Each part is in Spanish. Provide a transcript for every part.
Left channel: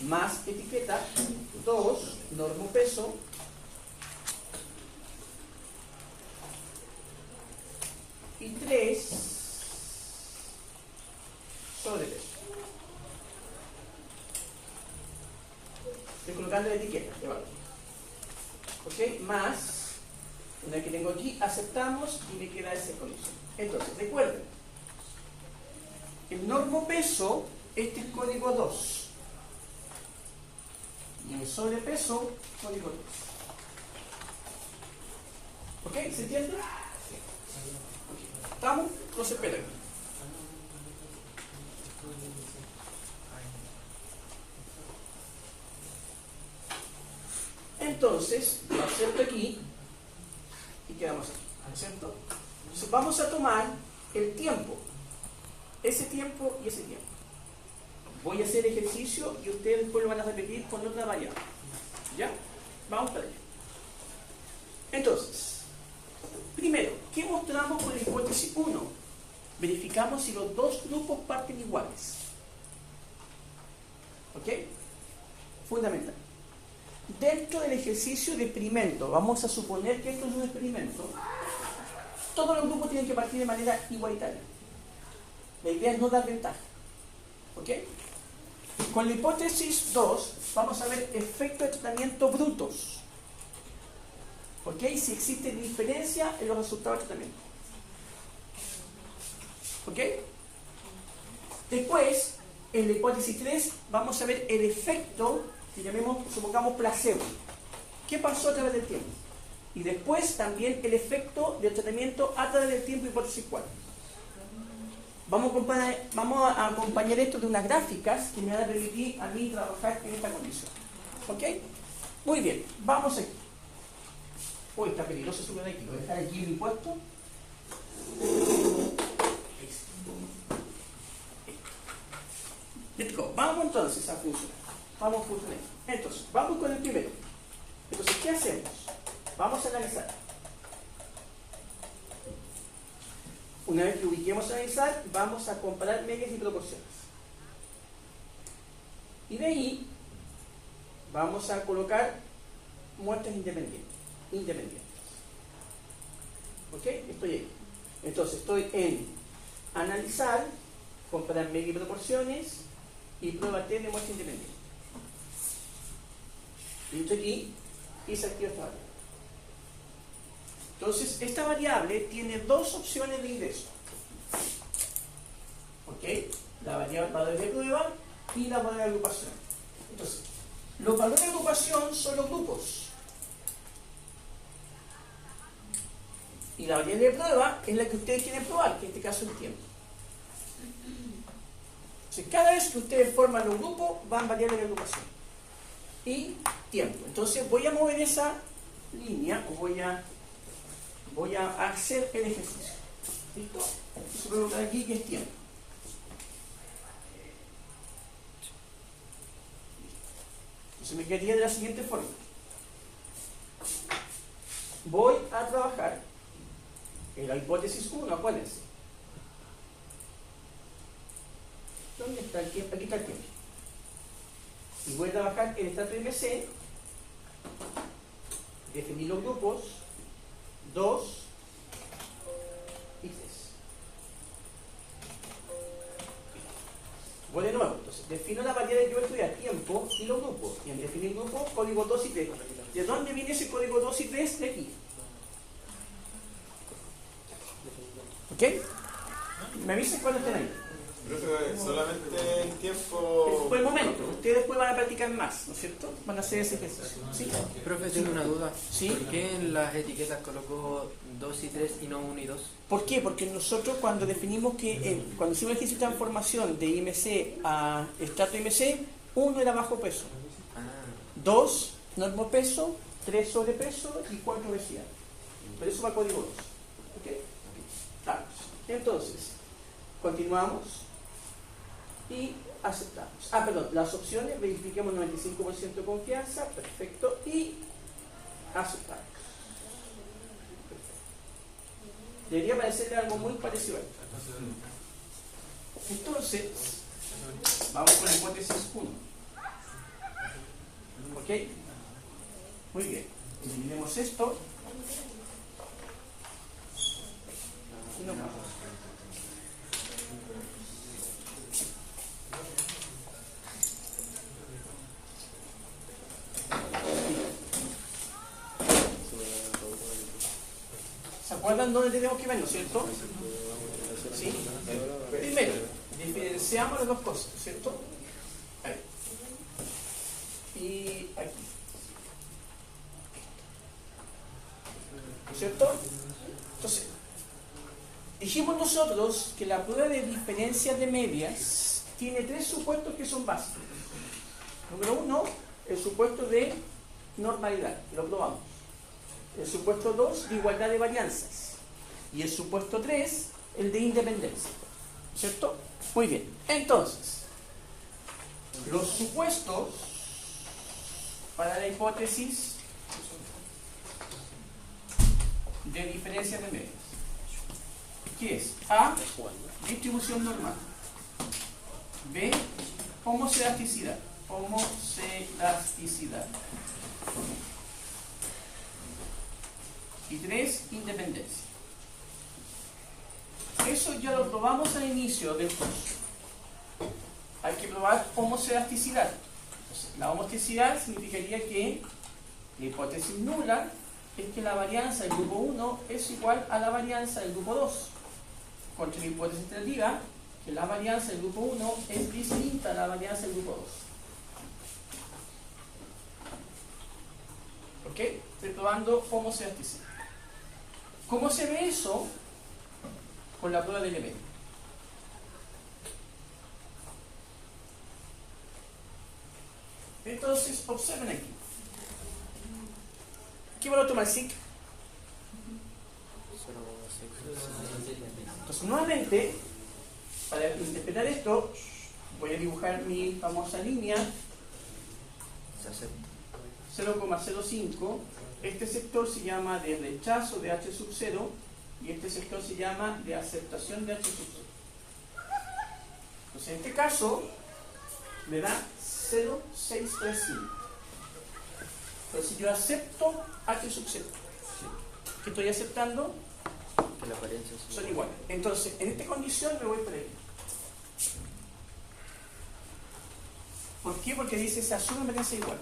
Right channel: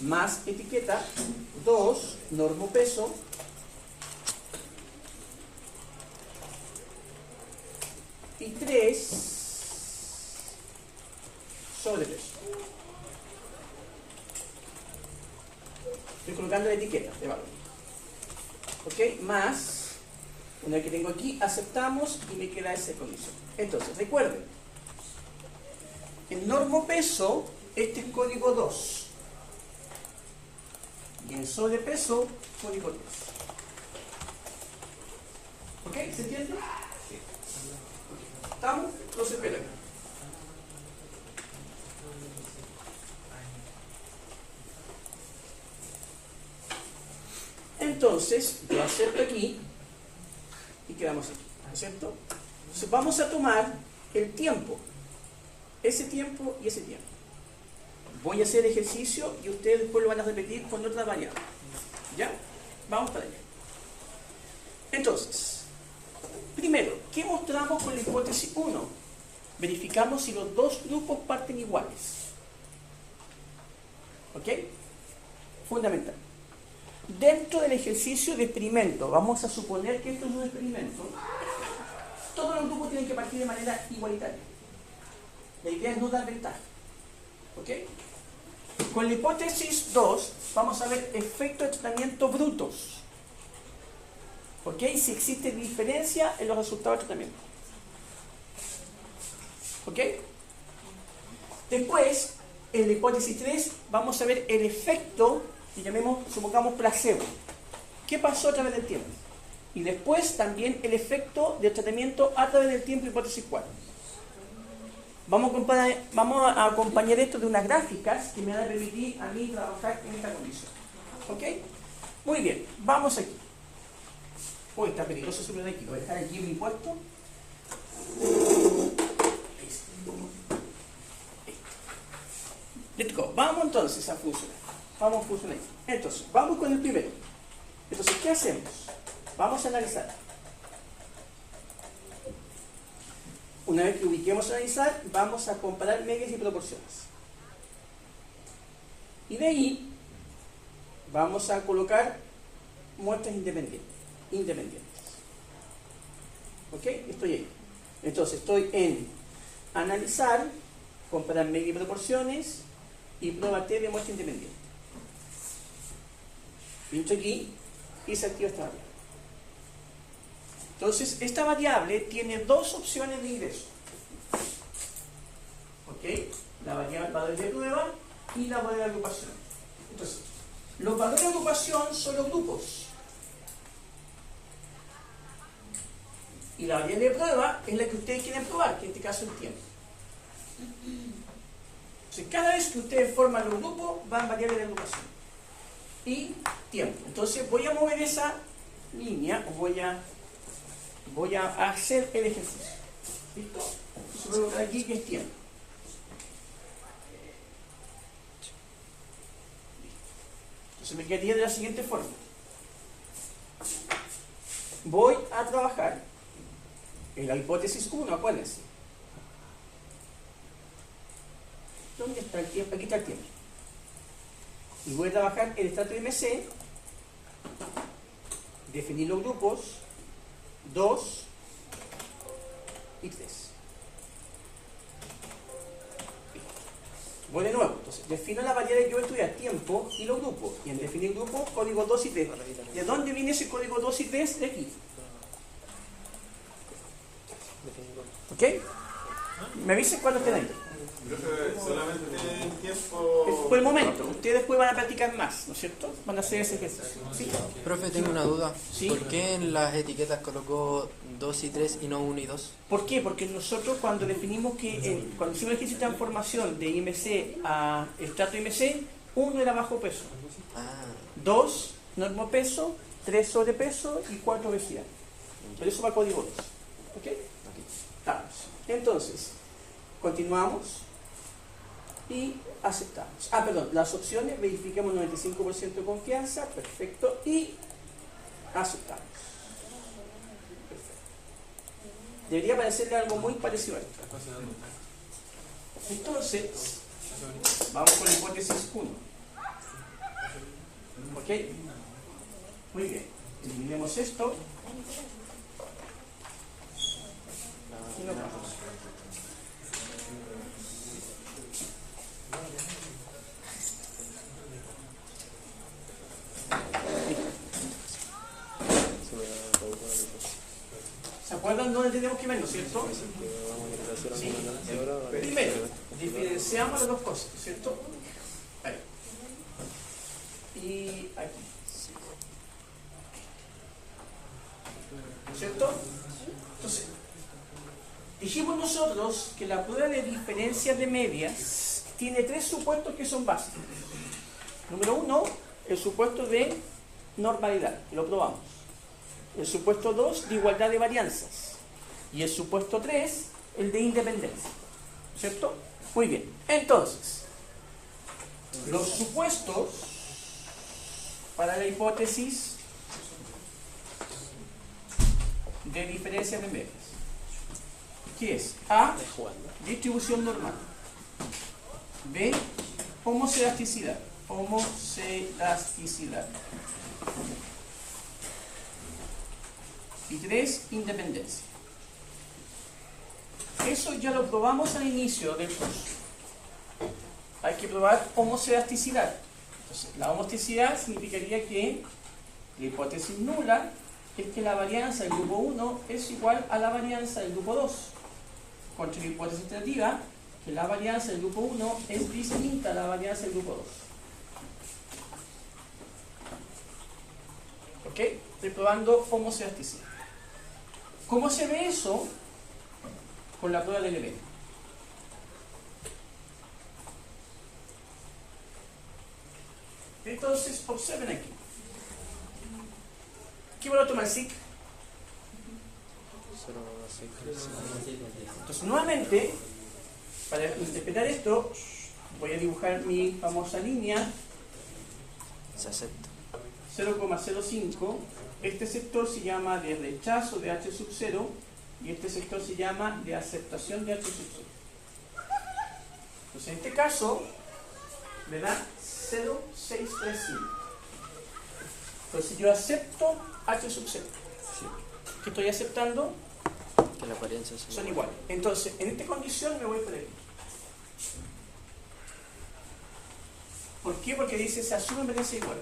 más etiqueta, 2, normopeso, y 3, sobrepeso. Estoy colocando la etiqueta de valor. ¿Ok? Más, una vez que tengo aquí, aceptamos y me queda esa condición. Entonces, recuerden, el normopeso, este es código 2. Y el sobrepeso, código 3. ¿Ok? ¿Se entiende? Sí. ¿Estamos? Entonces, esperen. Entonces, lo acepto aquí y quedamos aquí, ¿no es cierto? Entonces, vamos a tomar el tiempo, ese tiempo y ese tiempo. Voy a hacer ejercicio y ustedes después lo van a repetir con otra variable. ¿Ya? Vamos para allá. Entonces, primero, ¿qué mostramos con la hipótesis 1? Verificamos si los dos grupos parten iguales. ¿Ok? Fundamental. Dentro del ejercicio de experimento, vamos a suponer que esto es un experimento, todos los grupos tienen que partir de manera igualitaria. La idea es no dar ventaja. ¿Ok? Con la hipótesis 2 vamos a ver efectos de tratamiento brutos. ¿Ok? Si existe diferencia en los resultados de tratamiento. ¿Ok? Después, en la hipótesis 3 vamos a ver el efecto que supongamos placebo. ¿Qué pasó a través del tiempo? Y después también el efecto del tratamiento a través del tiempo, hipótesis 4. Vamos a acompañar esto de unas gráficas que me van a permitir a mí trabajar en esta condición. ¿Ok? Muy bien, vamos aquí. Uy, está peligroso subir de aquí. Voy a dejar aquí en mi puesto. Listo. Vamos entonces a funcionar. Vamos a funcionar. Entonces, vamos con el primero. Entonces, ¿qué hacemos? Vamos a analizar. Una vez que ubiquemos a analizar, vamos a comparar medias y proporciones. Y de ahí vamos a colocar muestras independientes. ¿Ok? Estoy ahí. Entonces, estoy en analizar, comparar medias y proporciones y prueba T de muestra independiente. Pincho aquí y se activa esta variable. Entonces, esta variable tiene dos opciones de ingreso. ¿Ok? La variable de prueba y la variable de agrupación. Entonces, los valores de agrupación son los grupos. Y la variable de prueba es la que ustedes quieren probar, que en este caso es el tiempo. Entonces, cada vez que ustedes forman los grupos, van variables de agrupación. Y tiempo. Entonces, voy a mover esa línea, o voy a hacer el ejercicio. ¿Listo? Entonces voy a colocar aquí que es tiempo. Entonces me quedaría de la siguiente forma. Voy a trabajar en la hipótesis 1, acuérdense. ¿Dónde está el tiempo? Aquí está el tiempo. Y voy a trabajar el estrato de MC, definir los grupos, 2 y 3. Voy de nuevo, entonces defino la variable que voy a estudiar, tiempo y los grupos. Y en definir grupos, código 2 y 3. ¿De dónde viene ese código 2 y 3? De aquí. ¿Ok? Me avisen cuando estén ahí. Solamente en tiempo. Por el momento, ustedes después van a practicar más, ¿no es cierto? Van a hacer ese ejercicio. ¿Sí? Profe, tengo una duda. ¿Sí? ¿Por qué en las etiquetas colocó 2 y 3 y no 1 y 2? ¿Por qué? Porque nosotros cuando definimos cuando hicimos el ejercicio de transformación de IMC a estrato IMC, 1 era bajo peso, 2 normopeso, 3 sobrepeso y 4 obesidad. Pero eso va a código 2. ¿Ok? Estamos. Entonces, continuamos y aceptamos. Perdón, las opciones, verifiquemos 95% de confianza, perfecto, y aceptamos. Debería parecerle algo muy parecido a esto. Entonces, vamos con la hipótesis 1. ¿Ok? Muy bien. Eliminemos esto. Y no más. ¿Se acuerdan dónde tenemos que vernos, cierto? Sí. Primero, diferenciamos las dos cosas, ¿cierto? Ahí. Y aquí. ¿Cierto? Entonces, dijimos nosotros que la prueba de diferencia de medias tiene tres supuestos que son básicos. Número uno, el supuesto de normalidad, lo probamos. El supuesto 2, de igualdad de varianzas. Y el supuesto 3, el de independencia. ¿Cierto? Muy bien. Entonces, los supuestos para la hipótesis de diferencia de medias. ¿Qué es? A, distribución normal. B, homoselasticidad. Homoselasticidad. Y 3, independencia. Eso ya lo probamos al inicio del curso. Hay que probar homoselasticidad. Entonces, la homoselasticidad significaría que la hipótesis nula es que la varianza del grupo 1 es igual a la varianza del grupo 2. Contra la hipótesis alternativa, que la varianza del grupo 1 es distinta a la varianza del grupo 2. ¿Ok? Estoy probando homoselasticidad. ¿Cómo se ve eso con la prueba del LB? Entonces, observen aquí. ¿Qué valor toma el SIC? Entonces, nuevamente, para interpretar esto, voy a dibujar mi famosa línea. Se acepta. 0,05. Este sector se llama de rechazo de H sub 0 y este sector se llama de aceptación de H sub 0. Entonces, en este caso, me da 0,635. Entonces, yo acepto H sub 0. ¿Qué estoy aceptando? Que las varianzas Son iguales. Entonces, en esta condición me voy por ahí. ¿Por qué? Porque dice se asume varianza igual.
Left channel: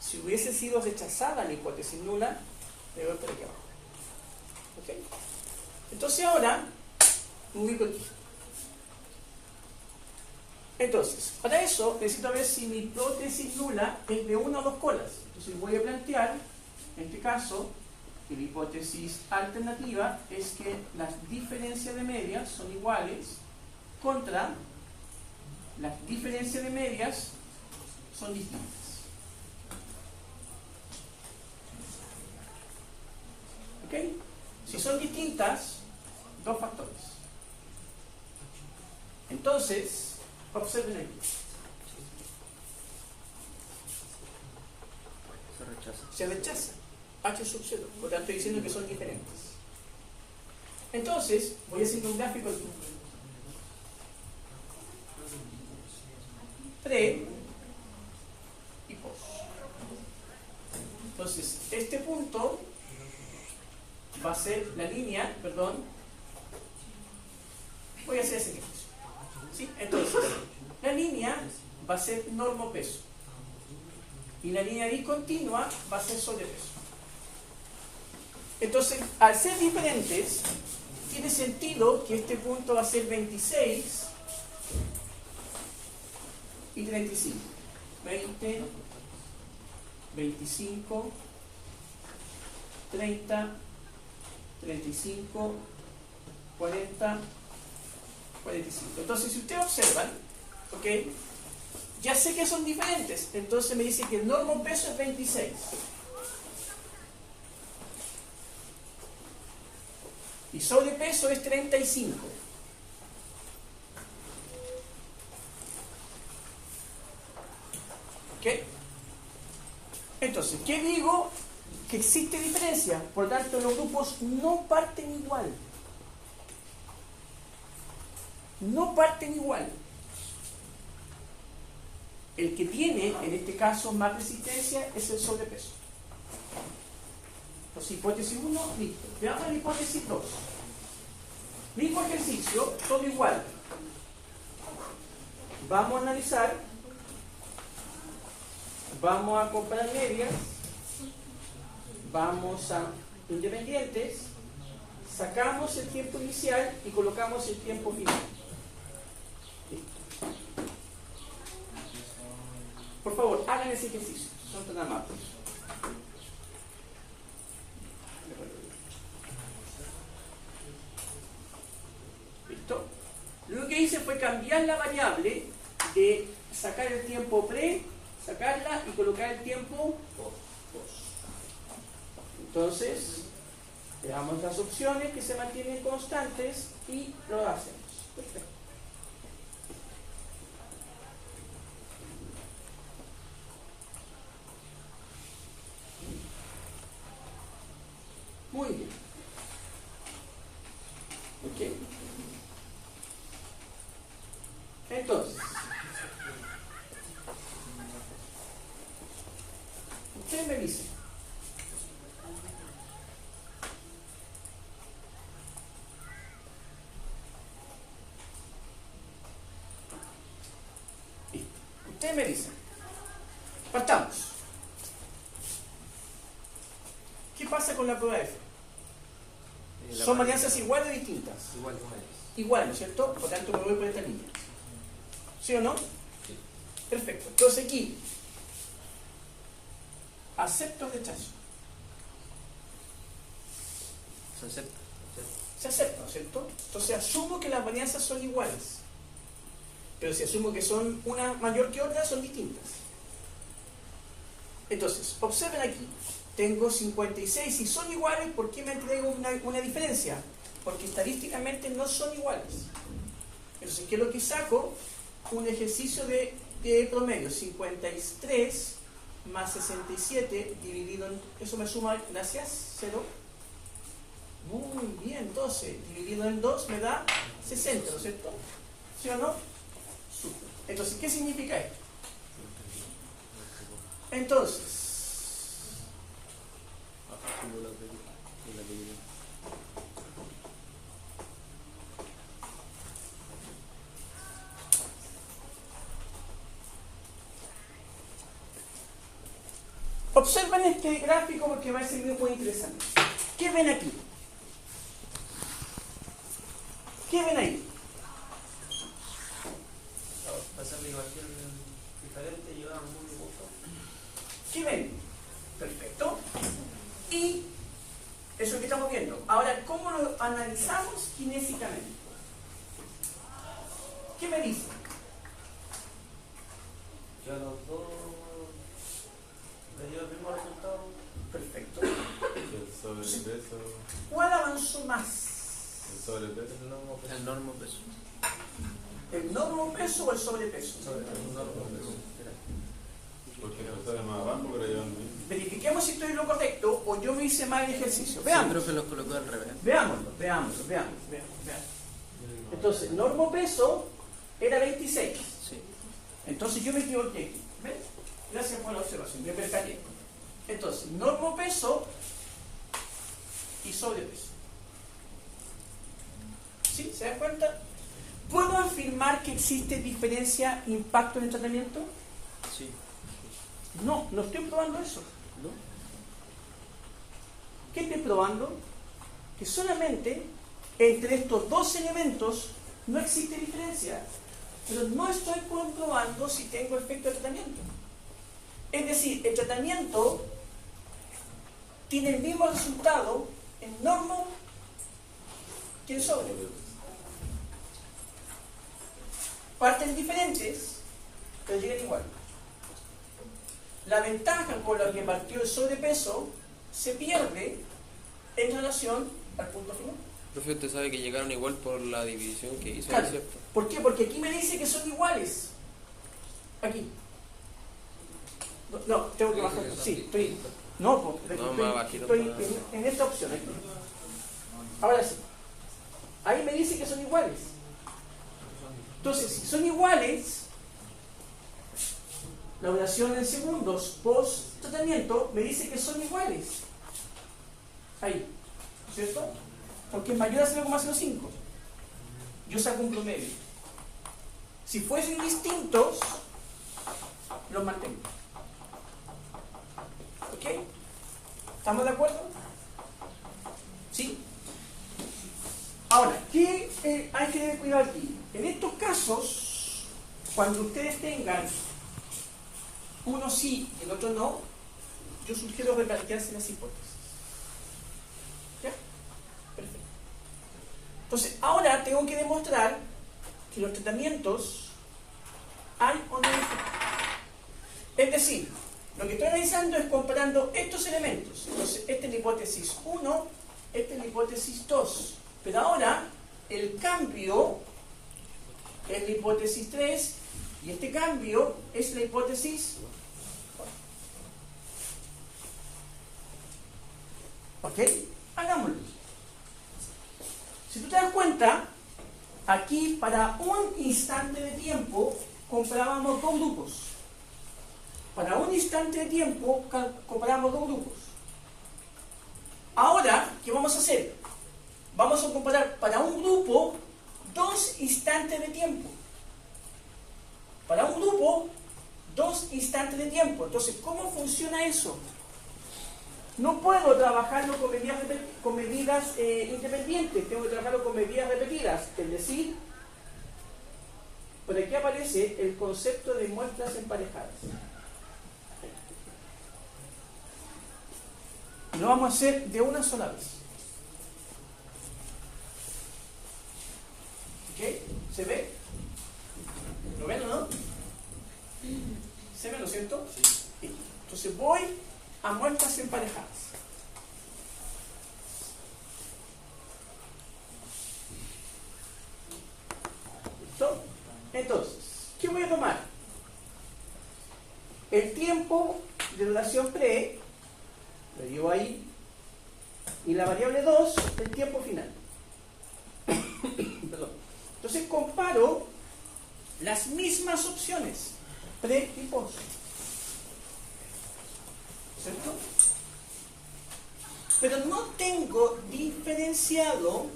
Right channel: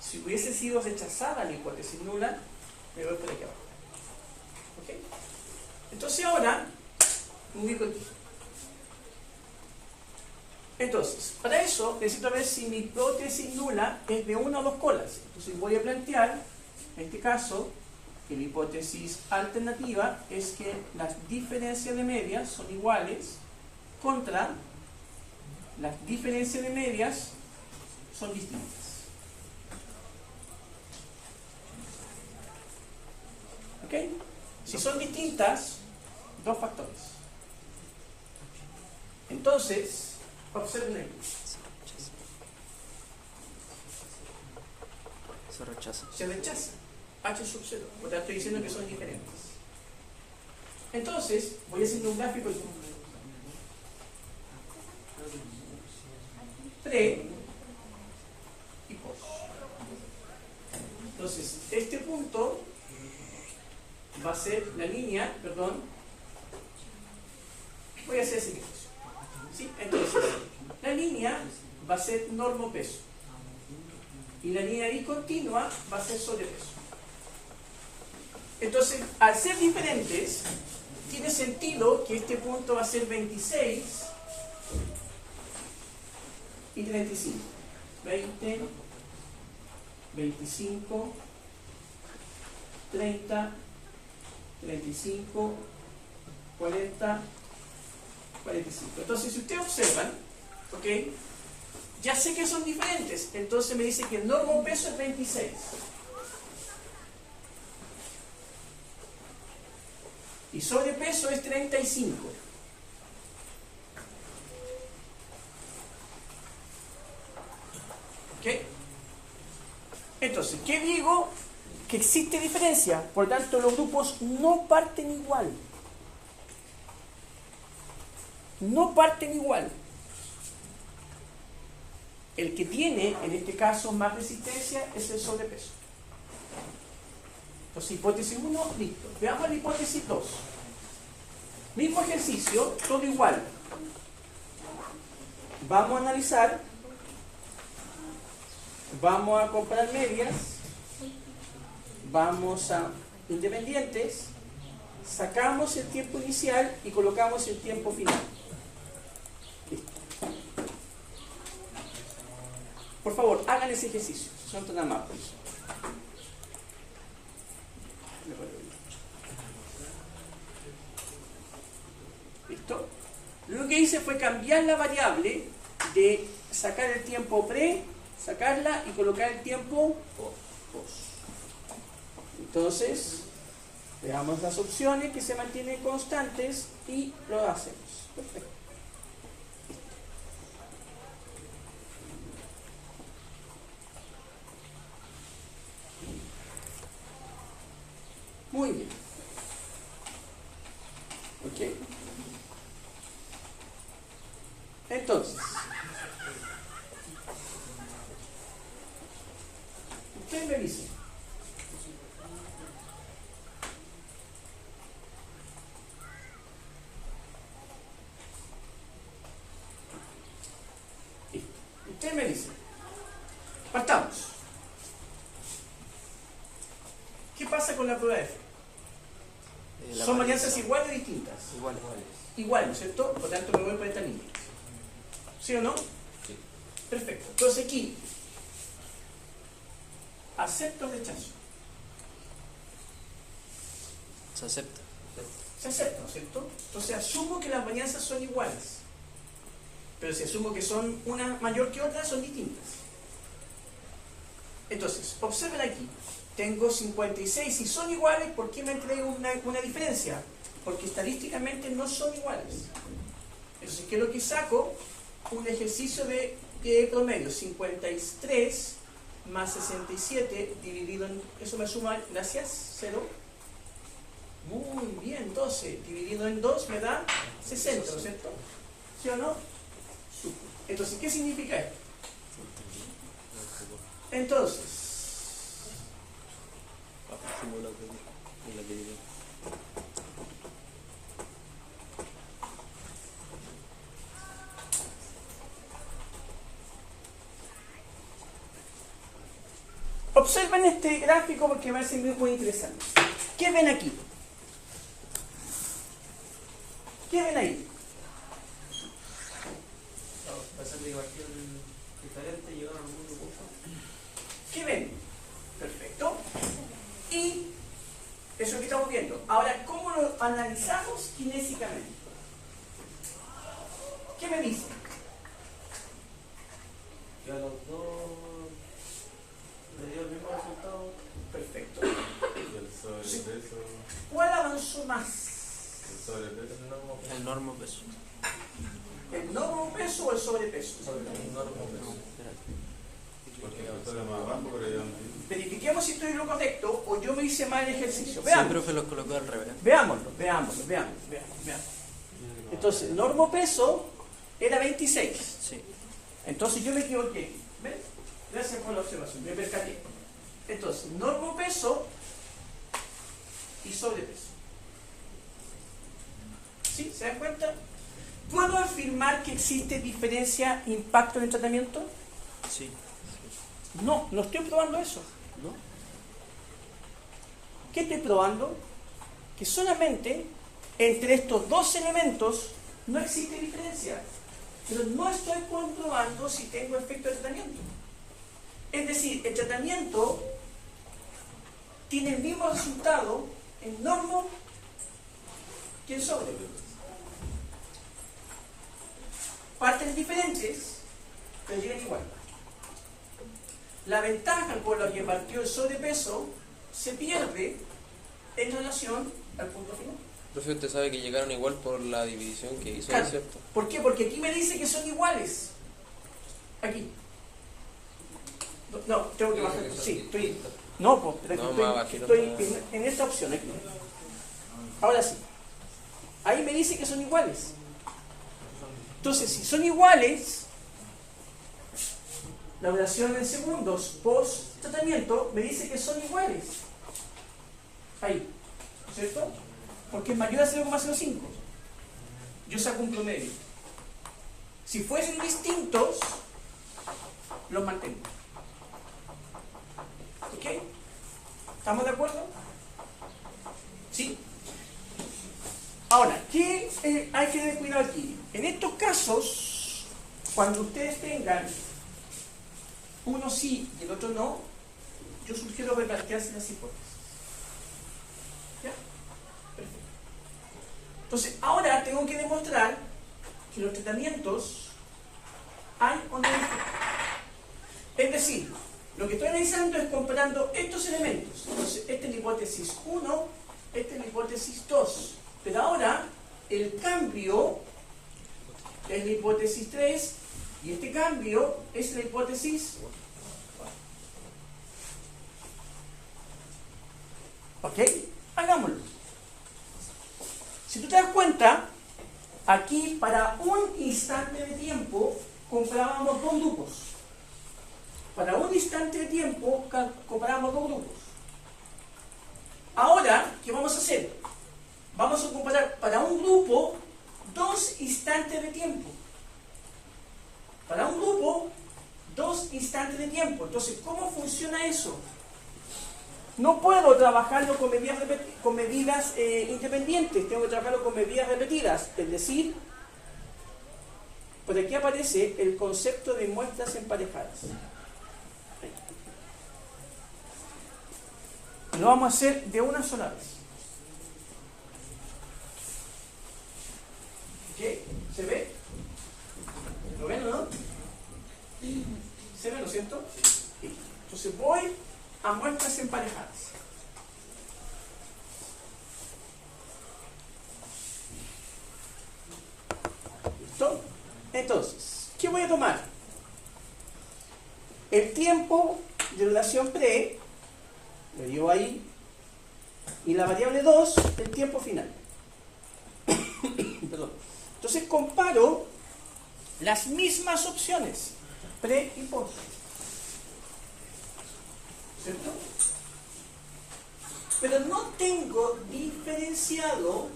Si hubiese sido rechazada la hipótesis nula, me voy por aquí abajo. ¿Ok? Entonces ahora, me ubico aquí. Entonces, para eso necesito ver si mi hipótesis nula es de una o dos colas. Entonces voy a plantear, en este caso, que mi hipótesis alternativa es que las diferencias de medias son iguales contra las diferencias de medias son distintas. ¿Ok? Si son distintas, dos factores. Entonces, observen aquí. se rechaza. Se rechaza H sub 0, por tanto estoy diciendo que son diferentes. Entonces, voy a hacer un gráfico aquí. Pre y post. Entonces, este punto va a ser la línea, perdón, voy a hacer así. ¿Sí? Entonces, la línea va a ser normopeso y la línea discontinua va a ser sobrepeso. Entonces, al ser diferentes, tiene sentido que este punto va a ser 26 y 35. 20, 25, 30, 35, 40, 45. Entonces, si ustedes observan, ¿ok? Ya sé que son diferentes. Entonces me dice que el normopeso es 26. Y sobrepeso es 35. ¿Ok? Entonces, ¿qué digo? Que existe diferencia. Por tanto, los grupos no parten igual. No parten igual. El que tiene, en este caso, más resistencia es el sobrepeso. Entonces, hipótesis 1, listo. Veamos la hipótesis 2. Mismo ejercicio, todo igual. Vamos a analizar, vamos a comparar medias, vamos a independientes, sacamos el tiempo inicial y colocamos el tiempo final. Listo. Por favor, hagan ese ejercicio, si son tan amables. ¿Listo? Lo que hice fue cambiar la variable de sacar el tiempo pre, sacarla y colocar el tiempo post. Entonces, veamos las opciones que se mantienen constantes y lo hacemos. Perfecto. Muy bien. Ok. Entonces, usted me dice, usted me dice, partamos. ¿Qué pasa con la prueba F? ¿Son varianzas iguales o distintas? Igual. Igual, ¿no es cierto? Por tanto, me voy por esta línea. ¿Sí o no? Sí. Perfecto. Entonces aquí, acepto o rechazo. Se acepta. Se acepta, ¿no es cierto? Entonces asumo que las varianzas son iguales. Pero si asumo que son una mayor que otra, son distintas. Entonces, observen aquí. Tengo 56 y son iguales, ¿por qué me entrego una diferencia? Porque estadísticamente no son iguales. Entonces, ¿qué es lo que saco? Un ejercicio de promedio. 53 más 67 dividido en... Eso me suma, gracias, 0. Muy bien, 12 dividido en 2 me da 60, ¿no es cierto? ¿Sí o no? Súper. Entonces, ¿qué significa esto? Entonces, observen este gráfico porque va a ser muy interesante. ¿Qué ven aquí? ¿Qué ven ahí? Va a ser de igual diferente, llegaron muy poco. ¿Qué ven? Perfecto. Y eso que estamos viendo. Ahora, ¿cómo lo analizamos kinésicamente? ¿Qué me dicen? Que a los dos le dio el mismo resultado. Perfecto. El sobrepeso. ¿Cuál avanzó más? El sobrepeso. El normo peso. ¿El normo peso o el sobrepeso? El normo peso. Porque la otra era más abajo, pero ya no. Verifiquemos si estoy en lo correcto o yo me hice mal el ejercicio. Sí, Veamos. profe los colocó al revés. Veámoslo. Entonces, normo peso era 26. Sí. Entonces yo me equivoqué. ¿Ven? Gracias por la observación, me percaté. Entonces, normo peso y sobrepeso. ¿Sí? ¿Se dan cuenta? ¿Puedo afirmar que existe diferencia impacto en el tratamiento? Sí. No, no estoy probando eso. ¿No? ¿Qué estoy probando? Que solamente entre estos dos elementos no existe diferencia. Pero no estoy comprobando si tengo efecto de tratamiento. Es decir, el tratamiento tiene el mismo resultado en normo que en sobrepeso. Parten diferentes, pero llegan igual. La ventaja por la que partió el sobrepeso se pierde en relación al punto final. Profe, usted sabe que llegaron igual por la división que hizo, Claro. ¿cierto? ¿Por qué? Porque aquí me dice que son iguales. Aquí. No, tengo que bajar. Sí, estoy. No, pues, No, estoy, más bajito estoy para- en esta opción. Aquí. Ahora sí. Ahí me dice que son iguales. Entonces, si son iguales, la duración en segundos post tratamiento me dice que son iguales. Ahí, ¿cierto? Porque es mayor a 0,05. Yo saco un promedio. Si fuesen distintos, los mantengo. ¿Ok? ¿Estamos de acuerdo? ¿Sí? Ahora, ¿qué hay que tener cuidado aquí? En estos casos, cuando ustedes tengan uno sí y el otro no, yo sugiero replantearse las hipótesis. ¿Ya? Perfecto. Entonces, ahora tengo que demostrar que los tratamientos hay o no hay efecto. Es decir, lo que estoy analizando es comparando estos elementos. Entonces, esta es la hipótesis 1, esta es la hipótesis 2. Pero ahora, el cambio es la hipótesis 3 y este cambio es la hipótesis 4. ¿Ok? Hagámoslo. Si tú te das cuenta, aquí para un instante de tiempo comparábamos dos grupos. Para un instante de tiempo comparamos dos grupos. Ahora, ¿qué vamos a hacer? Vamos a comparar para un grupo 2 instantes de tiempo. Para un grupo 2 instantes de tiempo. Entonces, ¿cómo funciona eso? No puedo trabajarlo con medidas independientes, tengo que trabajarlo con medidas repetidas. Es decir, por aquí aparece el concepto de muestras emparejadas. Lo vamos a hacer de una sola vez. ¿Ok? ¿Se ve? ¿Lo ven o no? ¿Se ve, no es cierto? Sí. Entonces voy a muestras emparejadas. ¿Listo? Entonces, ¿qué voy a tomar? El tiempo de relación pre, lo llevo ahí, y la variable 2, el tiempo final. Perdón. Entonces comparo las mismas opciones, pre y post. ¿Cierto? Pero no tengo diferenciado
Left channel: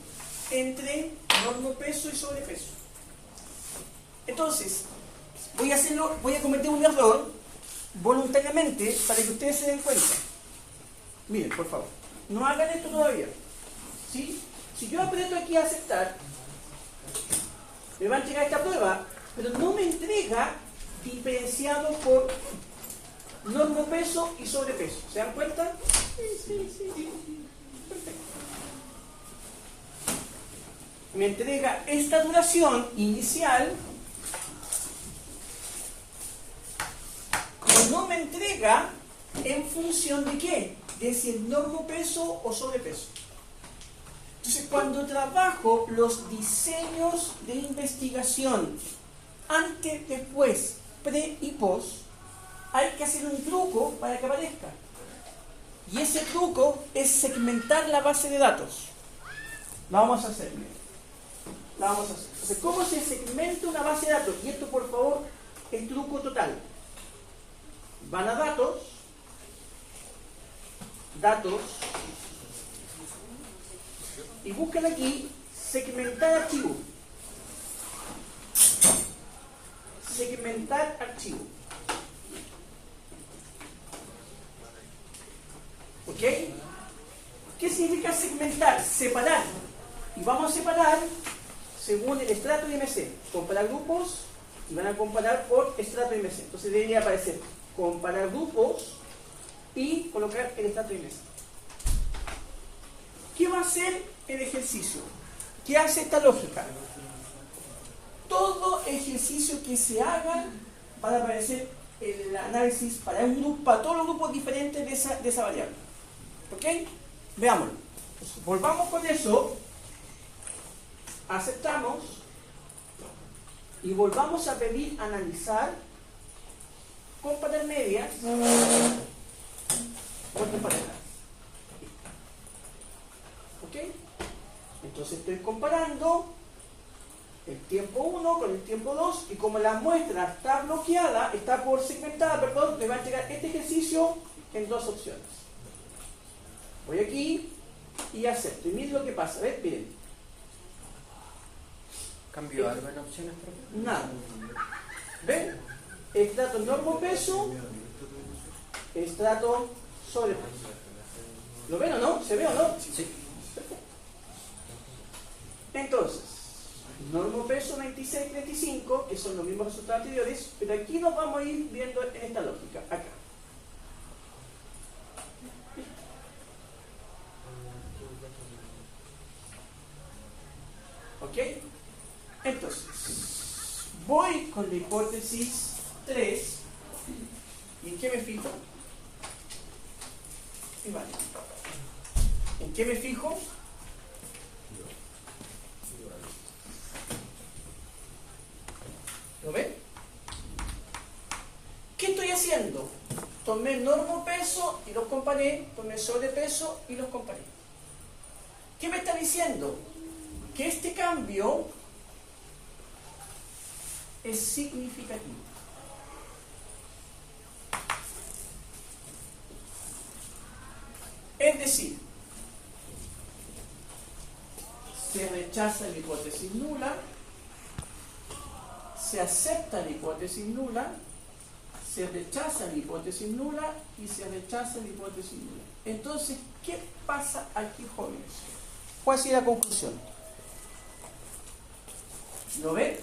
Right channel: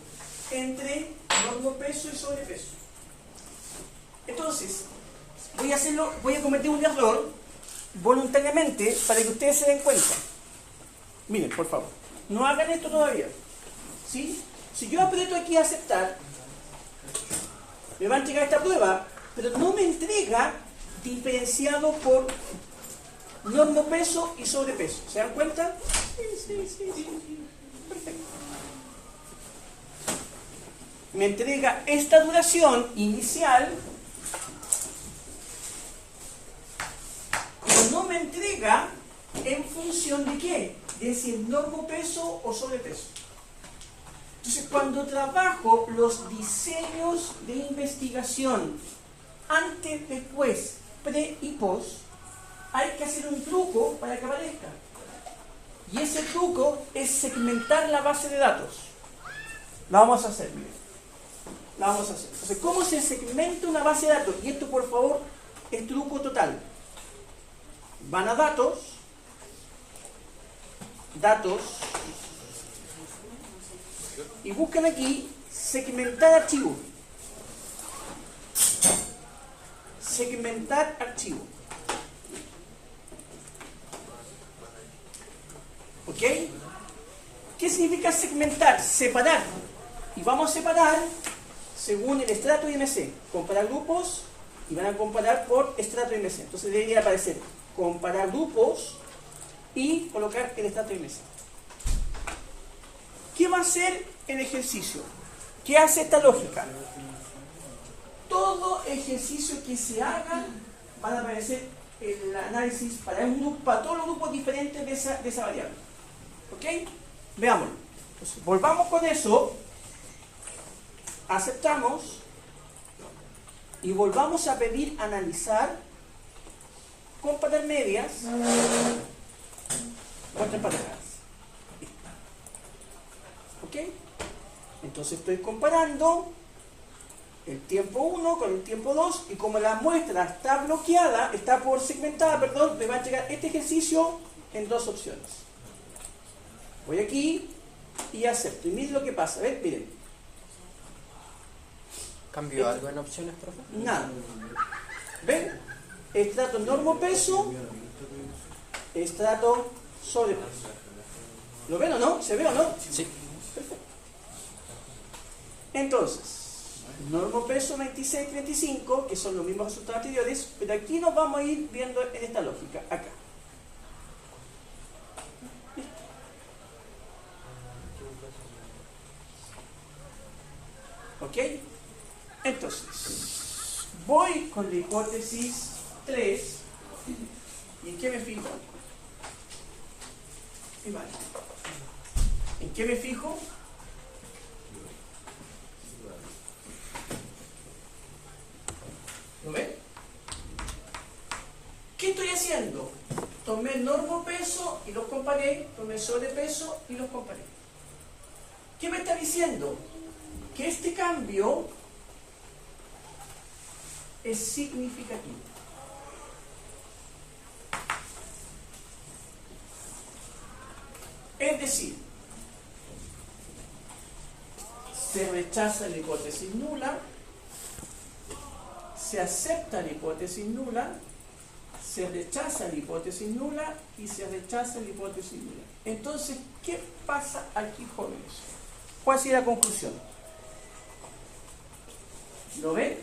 entre normopeso y sobrepeso. Entonces, voy a cometer un error voluntariamente para que ustedes se den cuenta. Miren, por favor, no hagan esto todavía. ¿Sí? Si yo aprieto aquí a aceptar, me va a entregar esta prueba, pero no me entrega diferenciado por normopeso y sobrepeso. ¿Se dan cuenta? Sí. Perfecto. Me entrega esta duración inicial, pero no me entrega en función de qué, de si es normopeso o sobrepeso. Entonces, cuando trabajo los diseños de investigación antes, después, pre y post, hay que hacer un truco para que aparezca. Y ese truco es segmentar la base de datos. La vamos a hacer, bien. La vamos a hacer. Entonces, ¿cómo se segmenta una base de datos? Y esto, por favor, es truco total. Van a datos, y buscan aquí segmentar archivo. Segmentar archivo. ¿Ok? ¿Qué significa segmentar? Separar. Y vamos a separar según el estrato IMC. Comparar grupos y van a comparar por estrato IMC. Entonces debería aparecer comparar grupos y colocar el estrato IMC. ¿Qué va a hacer el ejercicio? ¿Qué hace esta lógica? Todo ejercicio que se haga va a aparecer el análisis para un grupo, para todos los grupos diferentes de esa variable. ¿Ok? Veámoslo. Entonces, volvamos con eso, aceptamos y volvamos a pedir analizar, comparar medias, muestras emparejadas. ¿Ok? Entonces estoy comparando el tiempo 1 con el tiempo 2, y como la muestra está bloqueada, está por segmentada, perdón, me va a llegar este ejercicio en dos opciones. Voy aquí y acepto. Y miren lo que pasa. ¿Ven? Miren. ¿Cambió algo en opciones, profe? Nada. ¿Ven? Estrato normo-peso, estrato sobrepeso. ¿Lo ven o no? ¿Se ve o no? Sí. Perfecto. Entonces, normo-peso 26-35, que son los mismos resultados anteriores, pero aquí nos vamos a ir viendo en esta lógica. Acá. ¿Ok? Entonces, voy con la hipótesis 3. ¿Y en qué me fijo? Y vale. ¿En qué me fijo? ¿Lo ven? ¿Qué estoy haciendo? Tomé normo peso y los comparé, tomé sobrepeso y los comparé. ¿Qué me está diciendo? Que este cambio es significativo. Es decir, se rechaza la hipótesis nula, se acepta la hipótesis nula, se rechaza la hipótesis nula y se rechaza la hipótesis nula. Entonces, ¿qué pasa aquí, jóvenes? ¿Cuál sería la conclusión? ¿Lo ven?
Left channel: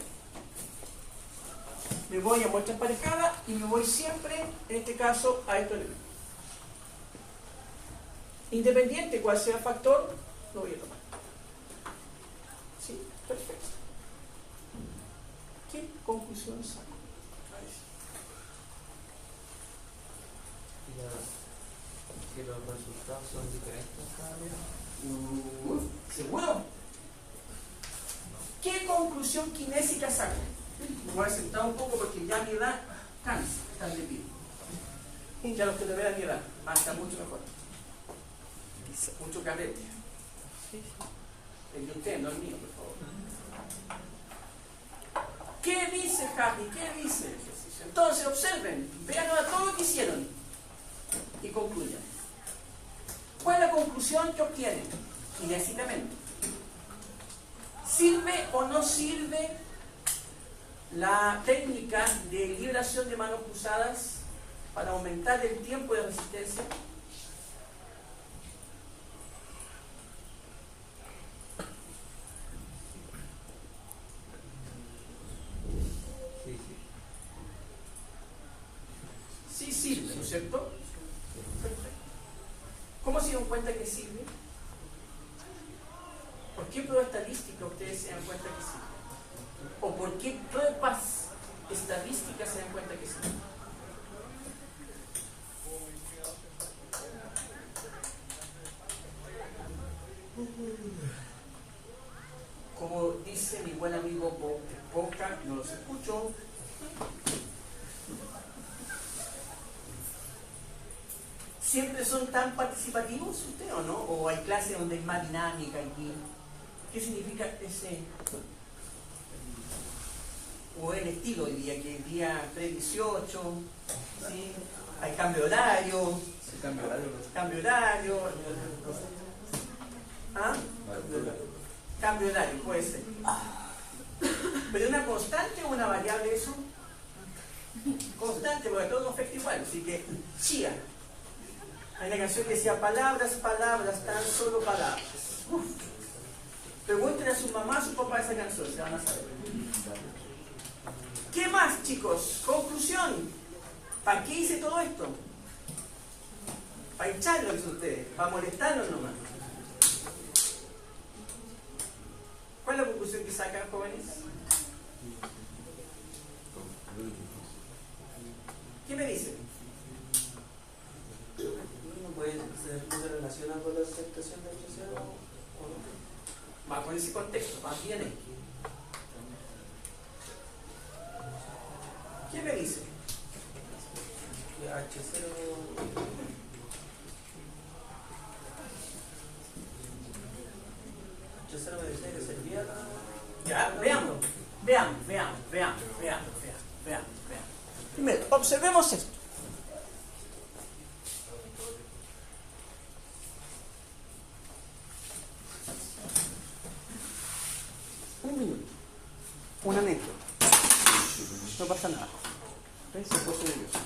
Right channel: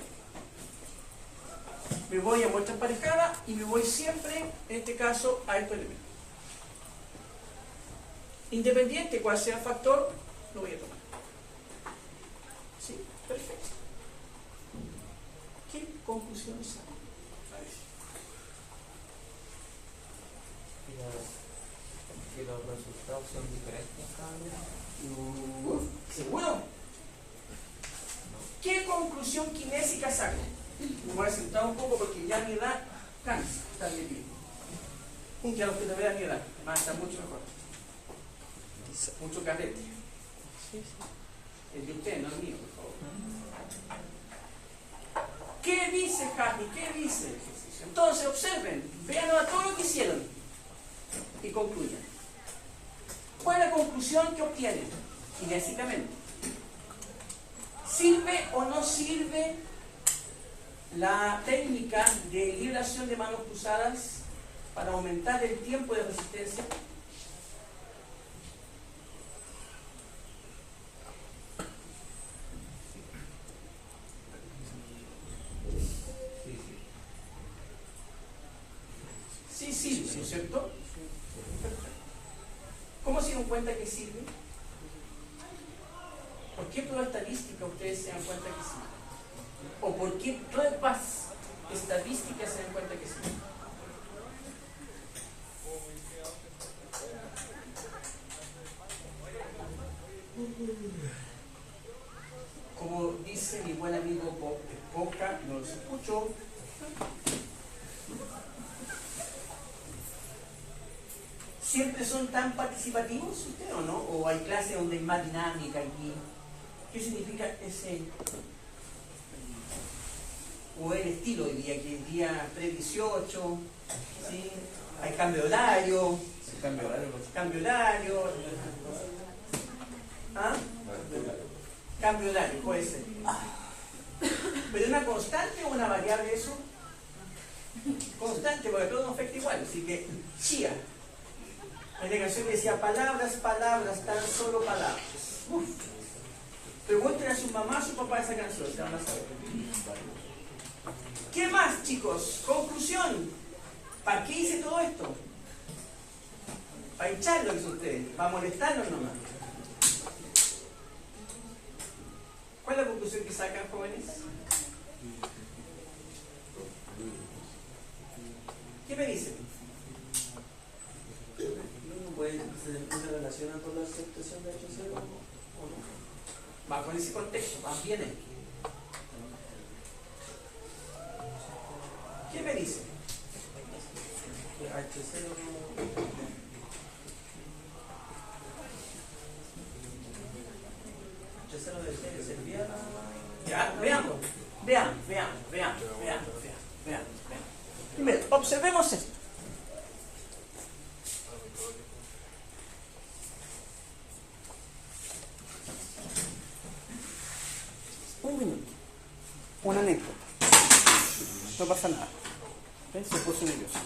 Me voy a muestra emparejada y me voy siempre, en este caso, a estos elementos. Independiente cuál sea el factor, lo voy a tomar. ¿Sí? Perfecto. ¿Qué conclusión saco? ¿Que los resultados son diferentes cada uno? ¿Seguro? ¿Qué conclusión kinésica saco? Me voy a sentar un poco porque ya mi edad cansa estar de pie. Ya los que no vean mi edad, va a estar mucho mejor. Mucho carrete. El de usted, no el mío, por favor. ¿Qué dice Javi? ¿Qué dice el ejercicio? Entonces, observen, vean a todo lo que hicieron y concluyan. ¿Cuál es la conclusión que obtienen? Kinésicamente. ¿Sirve o no sirve la técnica de liberación de manos cruzadas para aumentar el tiempo de resistencia? Sí sirve, ¿no es cierto? Perfecto. ¿Cómo se dan cuenta que sirve? ¿Por qué prueba estadística ustedes se dan cuenta que sirve? ¿O por qué pruebas estadísticas se dan cuenta que sirve? Como dice mi buen amigo Boca, no los escucho. ¿Siempre son tan participativos ustedes o no? ¿O hay clases donde hay más dinámica aquí? ¿Qué significa ese? ¿O el estilo hoy día? Que el día pre-18, ¿sí? Hay cambio de horario. Cambio de horario. ¿Ah? Cambio de horario, puede ser. ¿Pero una constante o una variable eso? Constante, porque todo nos afecta igual. Así que, chía. Hay una canción que decía, palabras, palabras, tan solo palabras. Uf. Pregúntenle a su mamá, a su papá esa canción, se van a saber. ¿Qué más, chicos? Conclusión. ¿Para qué hice todo esto? Para hincharlos ustedes, para molestarnos nomás. ¿Cuál es la conclusión que sacan, jóvenes? ¿Qué me dicen? ¿Se relaciona con la aceptación de H0 o no? Va con ese contexto, va bien ahí. ¿Qué me dice? H0 me decía que servía. Ya, veamos. observemos esto. Un minuto. Una anécdota. No pasa nada. ¿Ves? Se puso nervioso.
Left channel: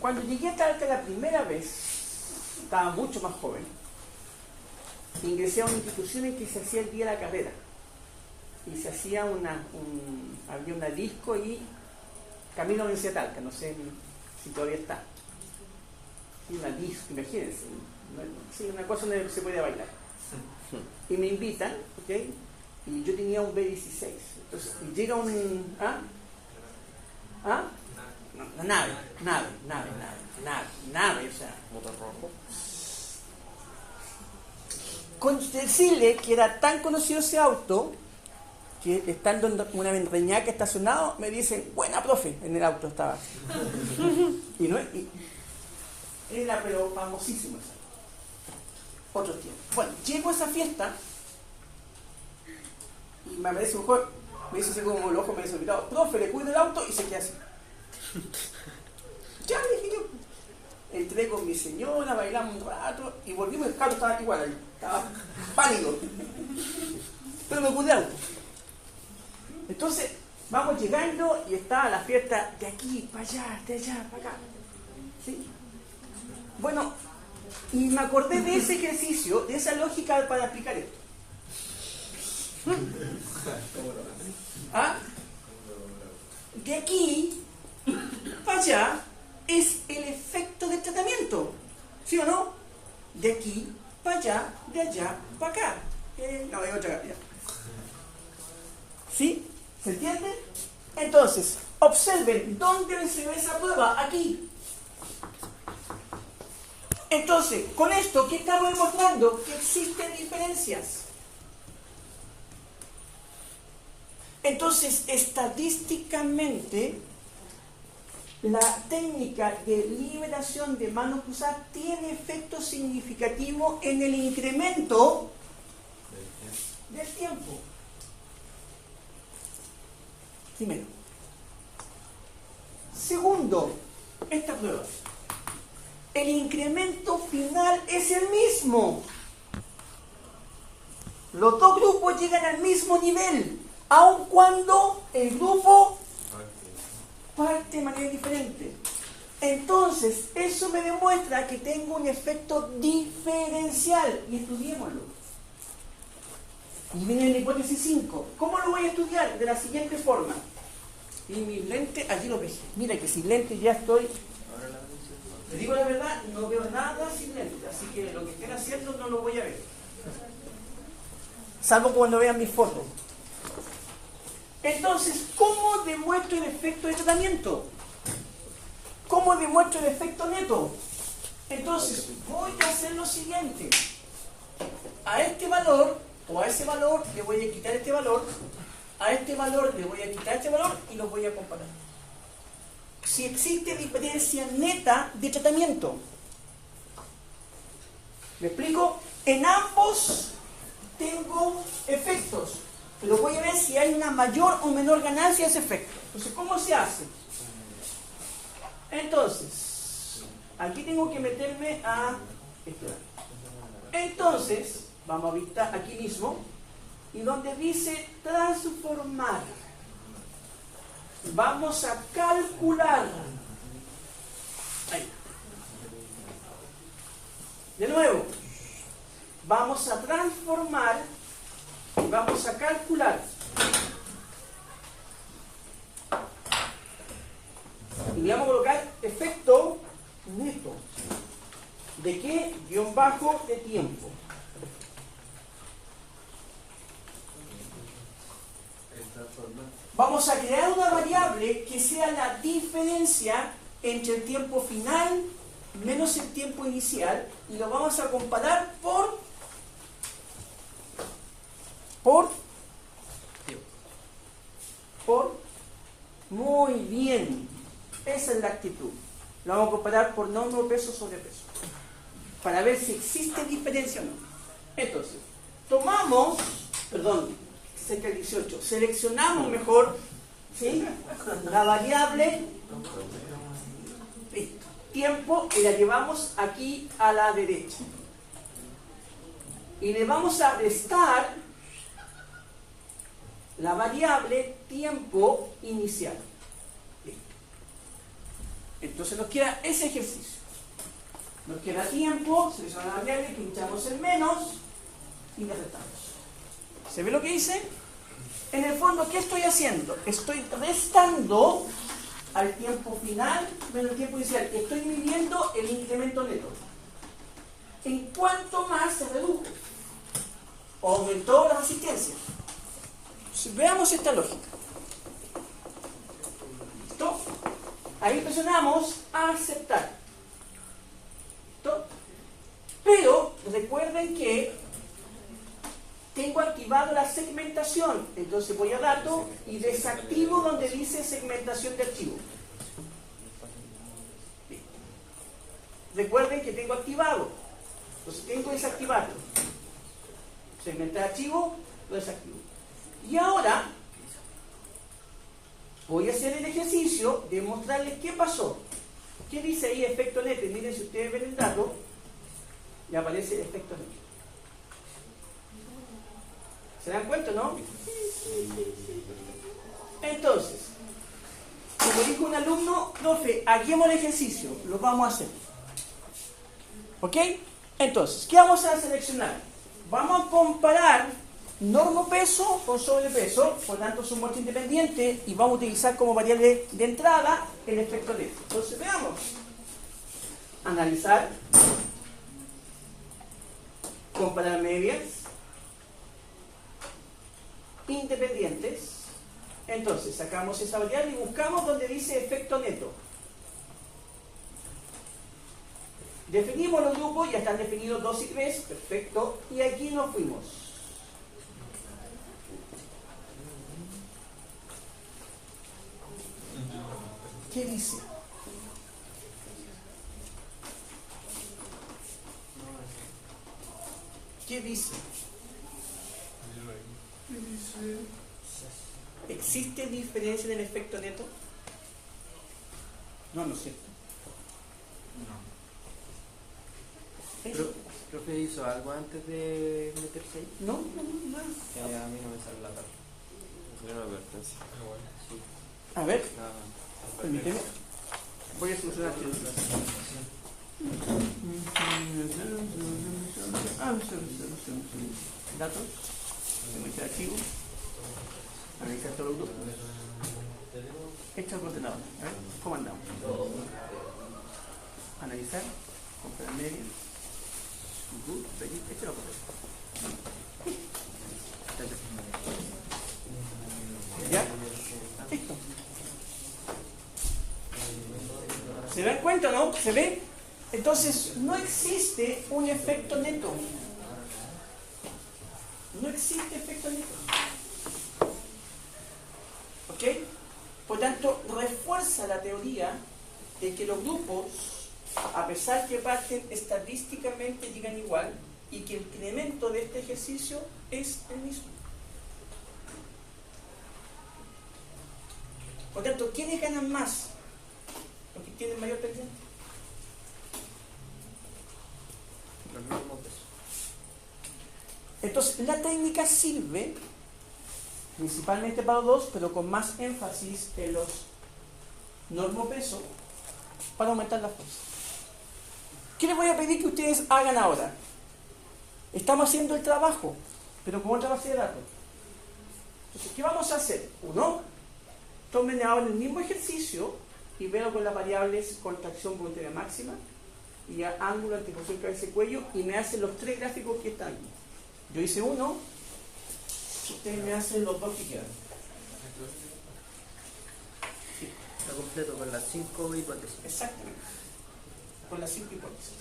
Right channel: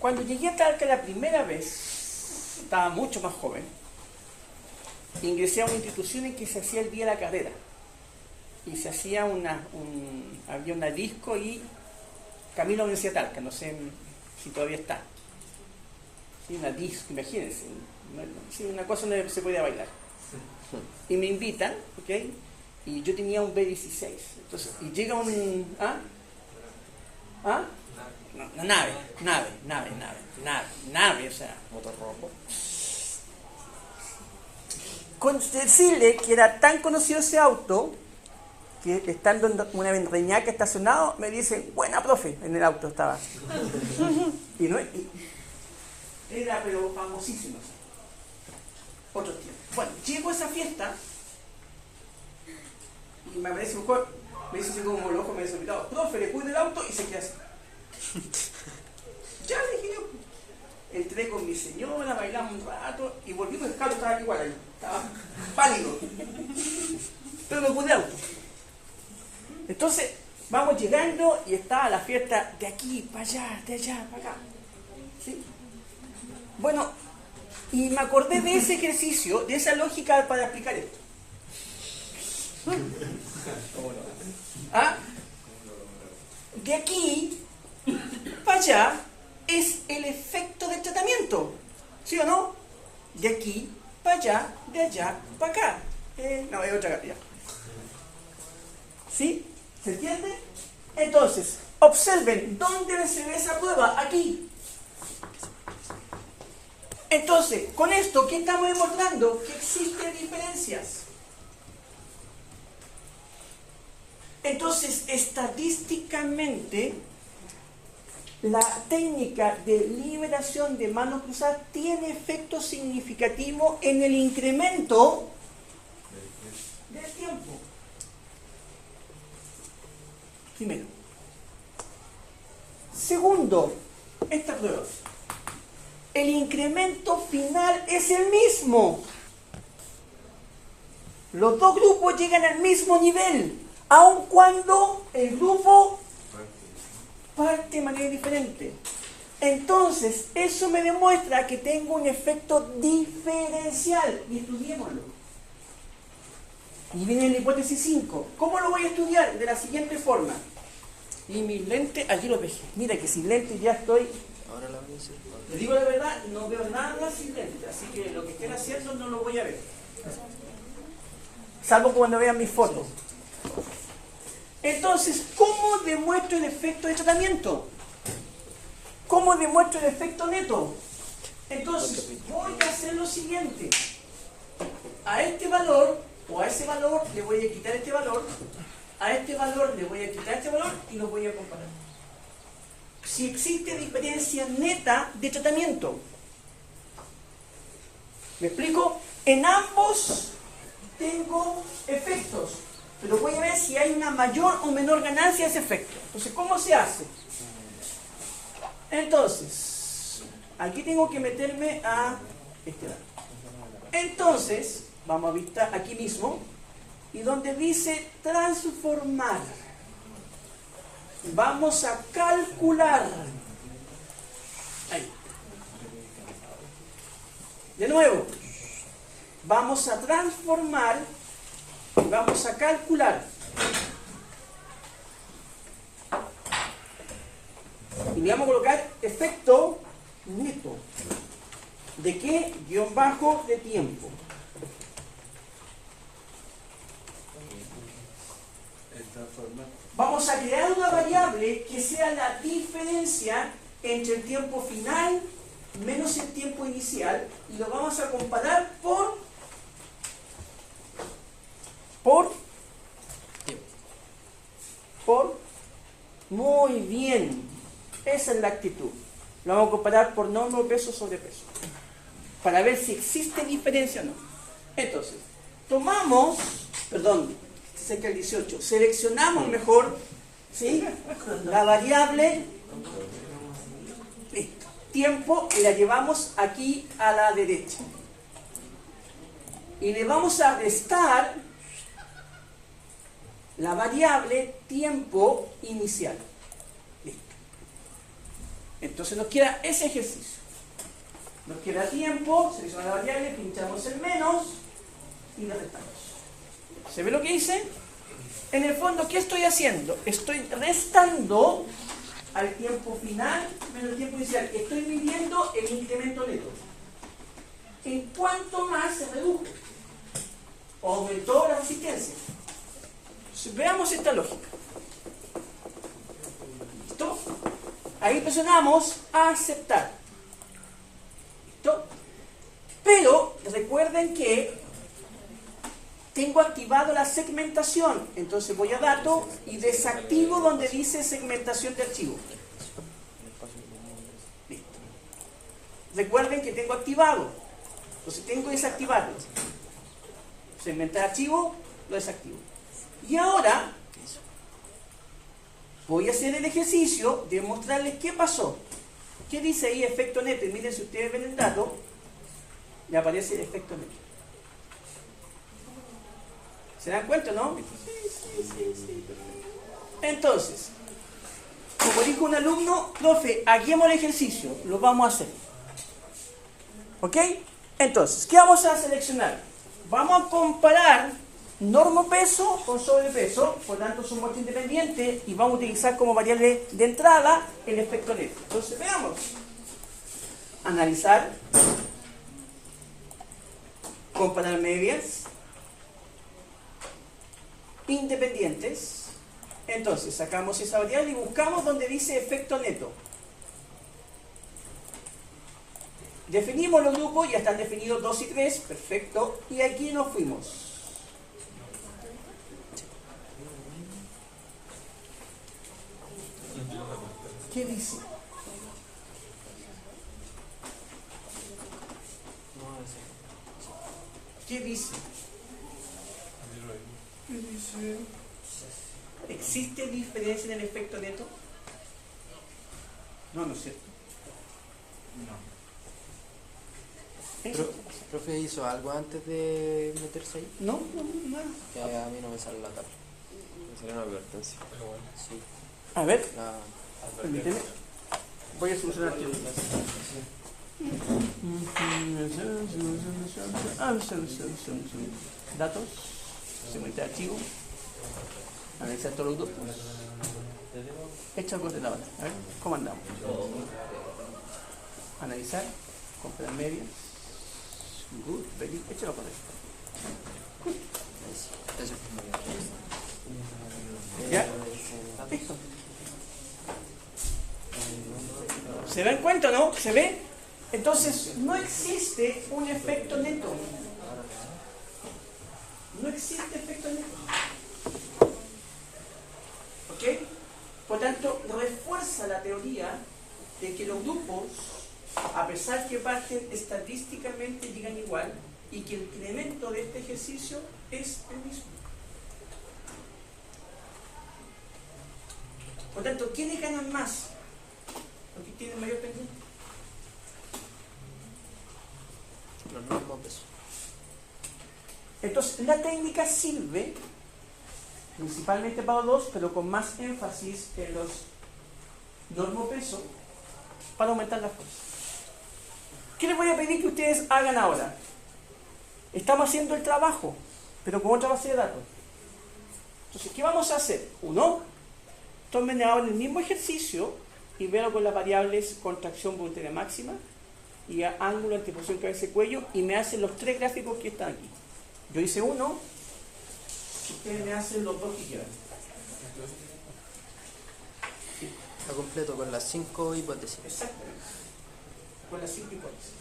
Cuando llegué a Talca la primera vez, estaba mucho más joven, ingresé a una institución en que se hacía el día de la carrera. Y se hacía había una disco y camino a la Universidad de Talca, no sé si todavía está. Sí, una disco, imagínense. Sí, una cosa donde se podía bailar. Y me invitan, ¿ok? Y yo tenía un B16. Entonces, y llega un... Una nave, o sea... Motor rojo. Con decirle que era tan conocido ese auto, que estando en una Reñaca estacionado, me dicen, buena profe, en el auto estaba. Era pero famosísimo. Otros tiempos. Bueno, llego a esa fiesta y me aparece un joven, me dice así como los ojos, me dice, profe, le cuido el auto y se queda así. Ya le dije yo. Entré con mi señora, bailamos un rato y volvimos, el cuadro estaba igual ahí, estaba pálido. Pero me cuidé el auto. Entonces, vamos llegando y está la fiesta de aquí para allá, de allá para acá. ¿Sí? Bueno, y me acordé de ese ejercicio, de esa lógica para explicar esto. De aquí para allá es el efecto del tratamiento, ¿sí o no? De aquí para allá, de allá para acá. No, hay otra cantidad. ¿Sí? ¿Se entiende? Entonces, observen, ¿dónde se ve esa prueba? Aquí. Entonces, con esto, ¿qué estamos demostrando? Que existen diferencias. Entonces, estadísticamente, la técnica de liberación de manos cruzadas tiene efecto significativo en el incremento del tiempo. Primero. Segundo, esta prueba. El incremento final es el mismo. Los dos grupos llegan al mismo nivel, aun cuando el grupo parte de manera diferente. Entonces, eso me demuestra que tengo un efecto diferencial. Y estudiémoslo. Y viene la hipótesis 5. ¿Cómo lo voy a estudiar? De la siguiente forma. Y mis lentes, allí lo ves. Mira que sin lentes ya estoy... Les digo la verdad, no veo nada sin lentes. Así que lo que estén haciendo no lo voy a ver. Salvo cuando vean mis fotos. Entonces, ¿cómo demuestro el efecto de tratamiento? ¿Cómo demuestro el efecto neto? Entonces, voy a hacer lo siguiente. A este valor, o a ese valor, le voy a quitar este valor. A este valor le voy a quitar este valor y los voy a comparar. Si existe diferencia neta de tratamiento. ¿Me explico? En ambos tengo efectos. Pero voy a ver si hay una mayor o menor ganancia de ese efecto. Entonces, ¿cómo se hace? Entonces, aquí tengo que meterme a este lado. Entonces, vamos a visitar aquí mismo, y donde dice transformar, vamos a calcular. Ahí. De nuevo, vamos a transformar y vamos a calcular. Y le vamos a colocar efecto neto. ¿De qué? Guión bajo de tiempo. Vamos a crear una variable que sea la diferencia entre el tiempo final menos el tiempo inicial y lo vamos a comparar por muy bien. Esa es la actitud. Lo vamos a comparar por número de peso sobre peso para ver si existe diferencia o no. Entonces, tomamos, cerca del 18, seleccionamos mejor, ¿sí? la variable tiempo y la llevamos aquí a la derecha. Y le vamos a restar la variable tiempo inicial. Listo. Entonces nos queda ese ejercicio. Nos queda tiempo, seleccionamos la variable, pinchamos el menos y le restamos. ¿Se ve lo que hice? En el fondo, ¿qué estoy haciendo? Estoy restando al tiempo final menos el tiempo inicial. Estoy midiendo el incremento neto. ¿En cuánto más se redujo? ¿O aumentó la resistencia? Entonces, veamos esta lógica. ¿Listo? Ahí presionamos a aceptar. ¿Listo? Pero recuerden que tengo activado la segmentación. Entonces voy a dato y desactivo donde dice segmentación de archivo. Listo. Recuerden que tengo activado. Entonces tengo que desactivarlo. Segmentar archivo, lo desactivo. Y ahora voy a hacer el ejercicio de mostrarles qué pasó. ¿Qué dice ahí efecto neto? Y miren, si ustedes ven el dato, le aparece el efecto neto. ¿Se dan cuenta, no? Sí. Entonces, como dijo un alumno, profe, hagamos el ejercicio. Lo vamos a hacer. ¿Ok? Entonces, ¿qué vamos a seleccionar? Vamos a comparar normopeso con sobrepeso, por tanto son muestras independientes y vamos a utilizar como variable de entrada el efecto neto. Entonces, veamos. Analizar. Comparar medias. Independientes. Entonces sacamos esa variable y buscamos donde dice efecto neto. Definimos los grupos, ya están definidos 2 y 3, perfecto, y aquí nos fuimos. ¿Qué dice? ¿Qué dice? ¿Existe diferencia en el efecto neto? No, no es cierto. ¿Profe hizo algo antes de meterse ahí? No, nada. Que a mí no me sale la tabla. Me salió una advertencia. Sí. A ver, La- permíteme. Voy a solucionar esto. Datos, someter archivo, analizar todos los grupos, hecho al coordenador. A ver, ¿cómo andamos? Analizar, comprar medio, good, very, hecho la correcta. ¿Ya? Listo. ¿Se dan cuenta, no? ¿Se ve? Entonces, no existe un efecto neto. No existe efecto neto. ¿Ok? Por tanto, refuerza la teoría de que los grupos, a pesar que parten estadísticamente, llegan igual y que el incremento de este ejercicio es el mismo. Por tanto, ¿quiénes ganan más? Los que tienen mayor pendiente. Los normopesos. Entonces, la técnica sirve principalmente para los dos, pero con más énfasis en los normopesos para aumentar la fuerza. ¿Qué les voy a pedir que ustedes hagan ahora? Estamos haciendo el trabajo, pero con otra base de datos. Entonces, ¿qué vamos a hacer? Uno, tomen ahora el mismo ejercicio y vean con las variables contracción voluntaria máxima y ángulo, anteposición, cabeza y cuello, y me hacen los 3 gráficos que están aquí. Yo hice uno, ustedes me hacen los 2 que quieran. Está completo con las 5 hipótesis. Exactamente. Con las 5 hipótesis.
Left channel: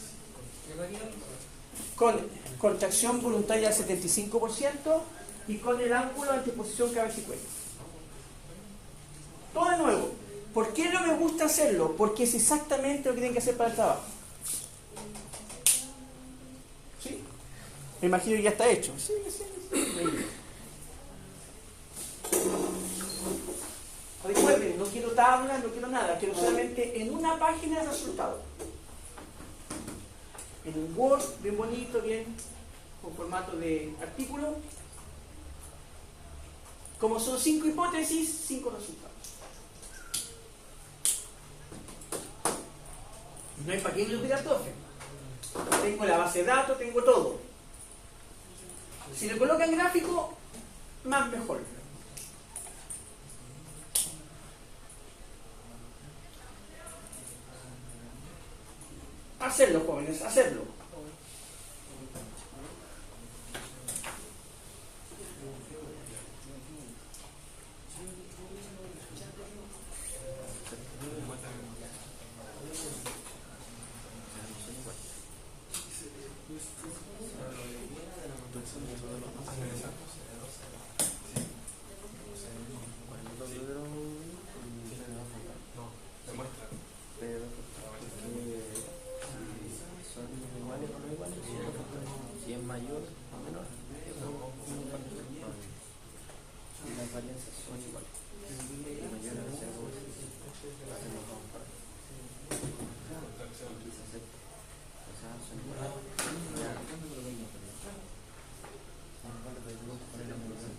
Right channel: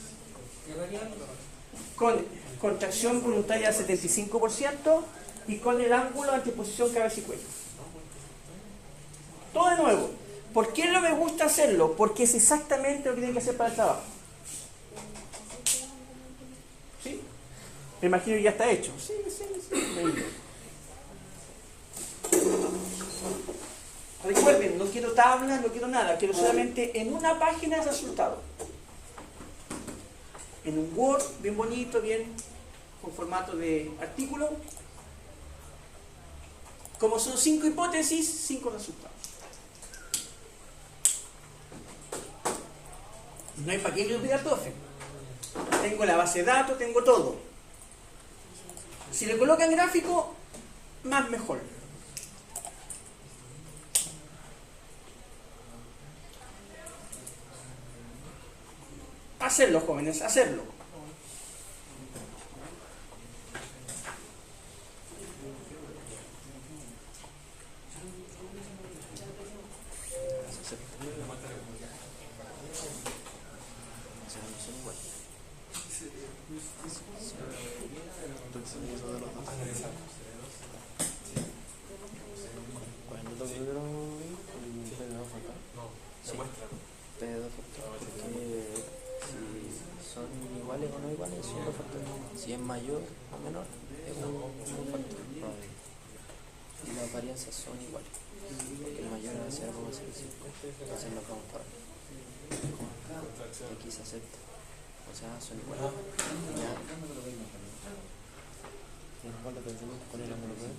Con contracción voluntaria al 75% y con el ángulo, anteposición, cabeza y cuello. Todo de nuevo. ¿Por qué no me gusta hacerlo? Porque es exactamente lo que tienen que hacer para el trabajo. ¿Sí? Me imagino que ya está hecho. Sí. Recuerden, no quiero tablas, no quiero nada, quiero solamente en una página el resultado. En un Word, bien bonito, bien con formato de artículo. Como son 5 hipótesis, 5 resultados. No hay para qué me pida profe. Tengo la base de datos, tengo todo. Si lo colocan gráfico, más mejor. Hacerlo, jóvenes, hacerlo. Si es mayor o menor, es un factor. Y las varianzas son iguales. El mayor es ese algo así, así lo vamos para. Aquí se acepta. O sea, son iguales. Mejor lo pensamos poner la moneda.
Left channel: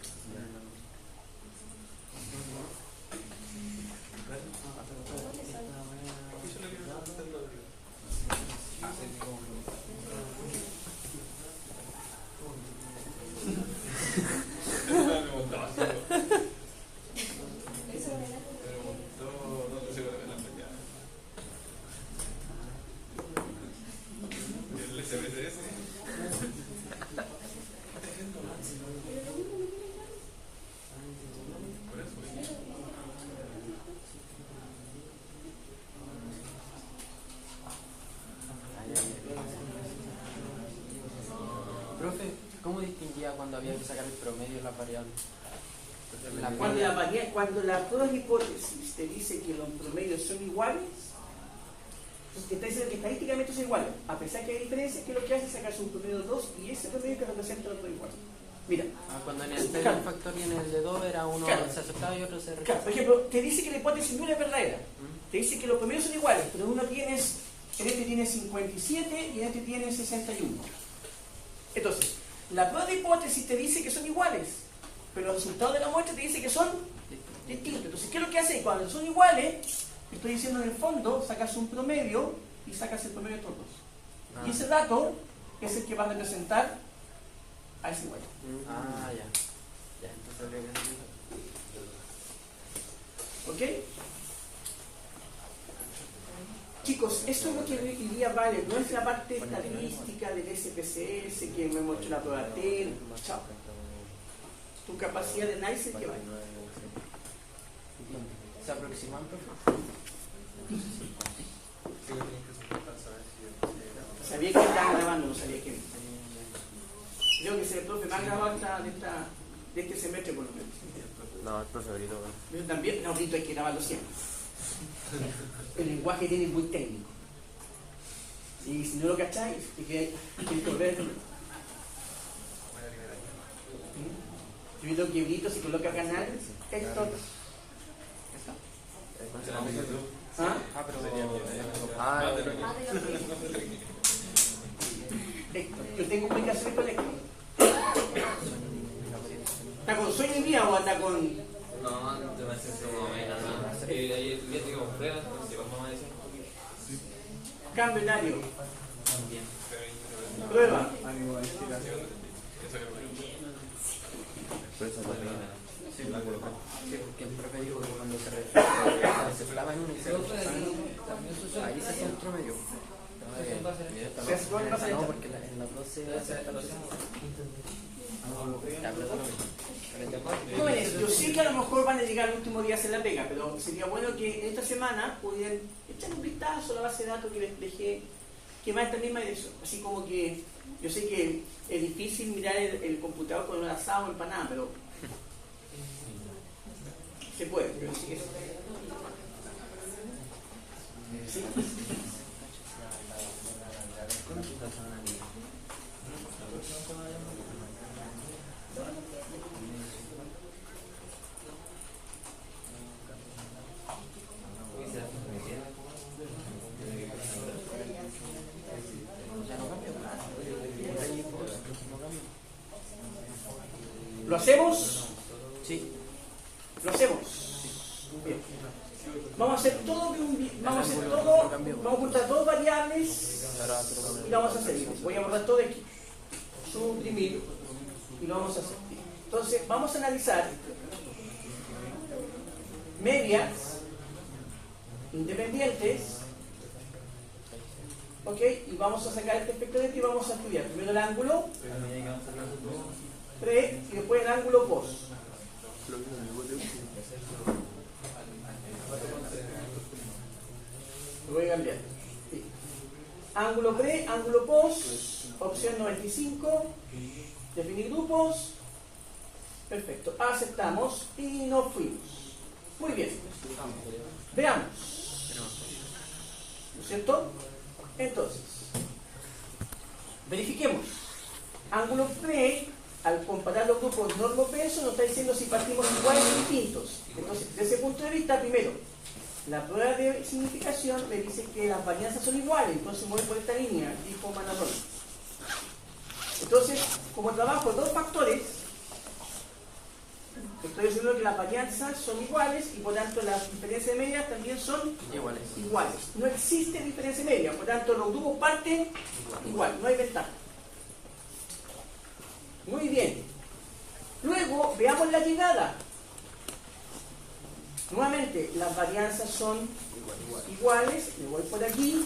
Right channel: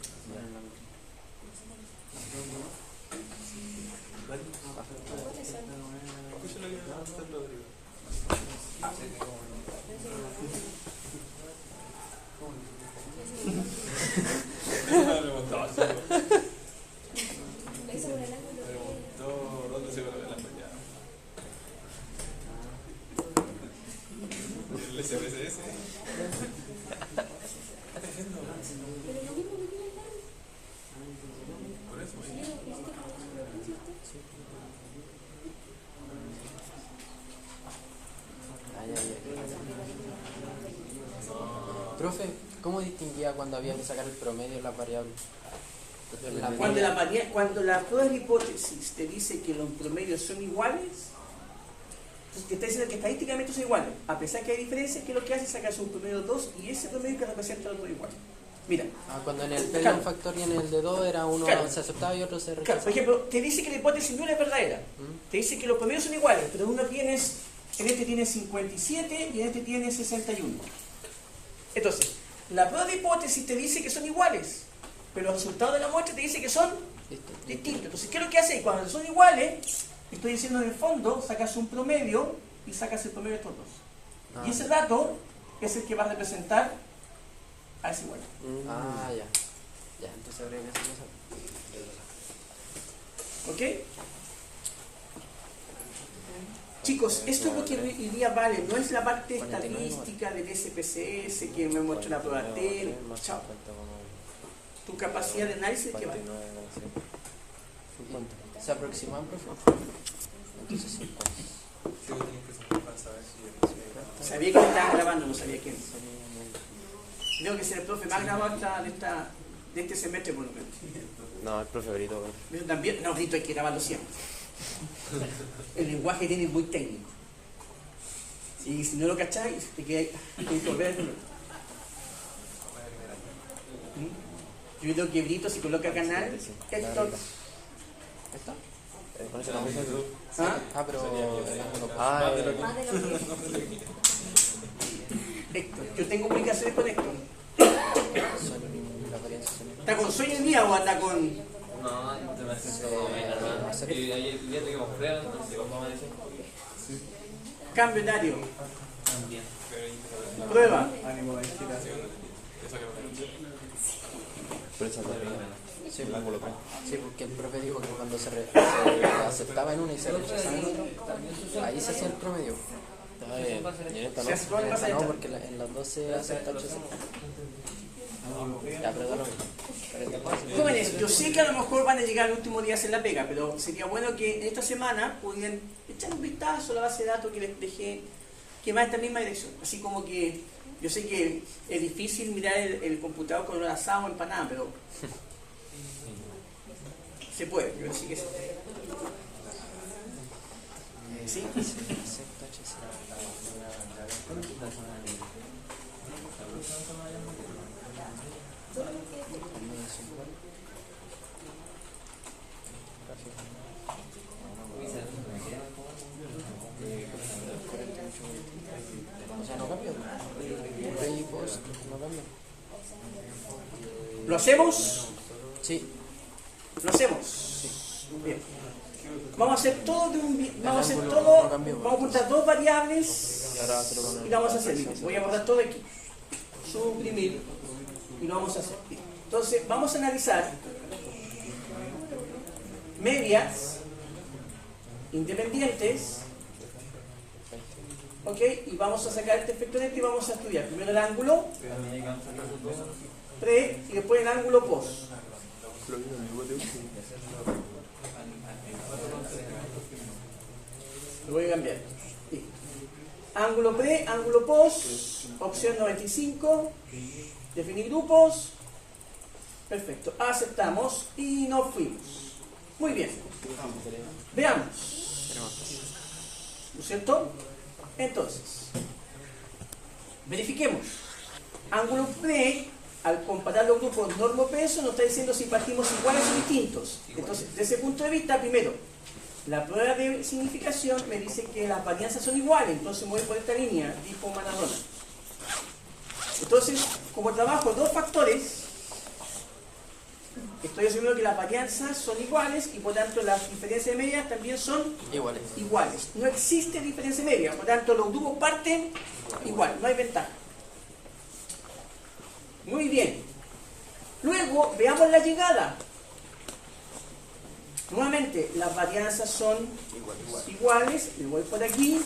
Profe, ¿cómo distinguía cuando había que sacar el promedio de las variables? Cuando la prueba de hipótesis te dice que los promedios son iguales, te está diciendo que estadísticamente son iguales. A pesar que hay diferencias, que lo que hace es sacarse un promedio 2 y ese promedio que representa el otro igual. Mira. Cuando en el de un factor y en el de 2 era uno se aceptaba y otro se rechazaba. Claro, por ejemplo, te dice que la hipótesis no es verdadera. Te dice que los promedios son iguales, pero en este tiene 57 y en este tiene 61. Entonces, la prueba de hipótesis te dice que son iguales, pero los resultados de la muestra te dice que son distintos. Entonces, ¿qué es lo que hace? Cuando son iguales, estoy diciendo en el fondo, sacas un promedio y sacas el promedio de estos dos. Y ese dato es el que va a representar a ese igual. Ya. Ya, entonces habría que hacer eso. ¿Ok? Chicos, esto es lo que hoy día vale, no es la parte estadística del SPSS que me muestra la prueba TEL. Chao. Tu capacidad de análisis que vale. ¿Se aproximan, profe? Sabía que me estaban grabando, no sabía que. Creo que es el profe más grabado de este semestre, por lo menos. No, el profe Brito. Eso también, no, Brito hay que grabarlo siempre. El lenguaje tiene muy técnico. Y si no lo cacháis, es que hay que correr. Yo creo que Brito se coloca canal. Héctor. Héctor, yo tengo comunicaciones con Héctor. ¿Está con sueño el día o anda con.? No, te me siento como menos, ¿no? El día te compré, entonces vamos a amanecer un poquito. Cambio horario. También. Prueba. Sí, porque el profe dijo que cuando se aceptaba en uno y se rechazaba en otro, ahí se hacía el promedio. No, porque en los dos se acepta el rechazo. Ya, perdón. Jóvenes, yo sé que a lo mejor van a llegar los últimos días en la pega, pero sería bueno que esta semana pudieran echar un vistazo a la base de datos que les dejé, que va en esta misma dirección. Así como que yo sé que es difícil mirar el computador con un asado o empanada, pero se puede, yo sí que sí. ¿Sí? hacemos? Sí. ¿Lo hacemos? Bien. Vamos a hacer todo vamos a juntar dos variables Y ahora te lo ponen. y lo vamos a hacer. Voy a borrar todo aquí. Suprimir y lo vamos a hacer. Entonces, vamos a analizar medias independientes, ¿ok? Y vamos a sacar este efecto neto y vamos a estudiar primero el ángulo pre y después el ángulo post. Lo voy a cambiar. Sí. Ángulo pre, ángulo post, opción 95, definir grupos. Perfecto, aceptamos y nos fuimos. Muy bien, veamos. ¿No es cierto? Entonces, verifiquemos. Ángulo pre, al comparar los grupos normo-peso, nos está diciendo si partimos iguales o distintos. Entonces, desde ese punto de vista, primero, la prueba de significación me dice que las varianzas son iguales, entonces voy por esta línea, tipo Manadona. Entonces, como trabajo dos factores, estoy asumiendo que las varianzas son iguales y por tanto las diferencias de medias también son iguales. No existe diferencia de media, por tanto los grupos parten igual, no hay ventaja. Muy bien. Luego, veamos la llegada. Nuevamente, las varianzas son iguales, le voy por aquí,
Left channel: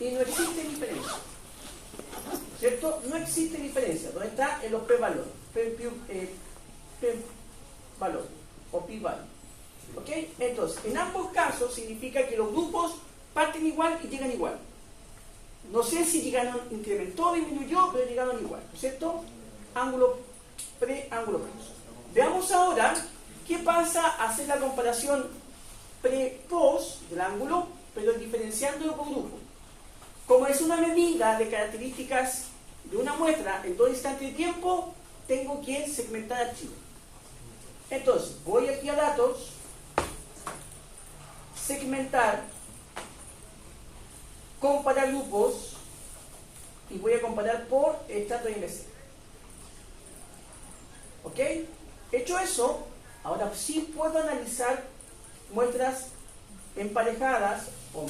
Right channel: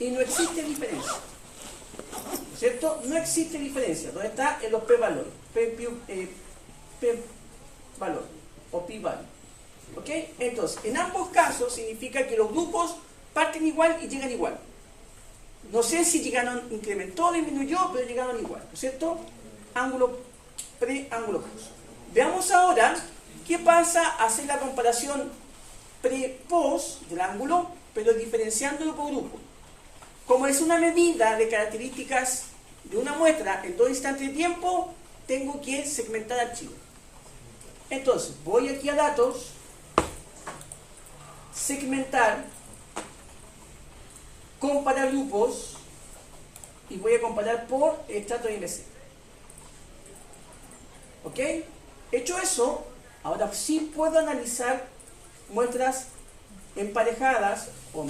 y no existe diferencia. ¿Cierto? No existe diferencia. ¿Dónde está? En los p-valores. P-valor o p-valor. ¿Ok? Entonces, en ambos casos significa que los grupos parten igual y llegan igual. No sé si llegaron, incrementó o disminuyó, pero llegaron igual. ¿No es cierto? Ángulo pre, ángulo post. Veamos ahora qué pasa al hacer la comparación pre-post del ángulo, pero diferenciándolo por grupo. Como es una medida de características de una muestra en 2 instantes de tiempo, tengo que segmentar archivo. Entonces, voy aquí a datos, segmentar, comparar grupos y voy a comparar por estrato de IMC. ¿Ok? Hecho eso, ahora sí puedo analizar muestras emparejadas o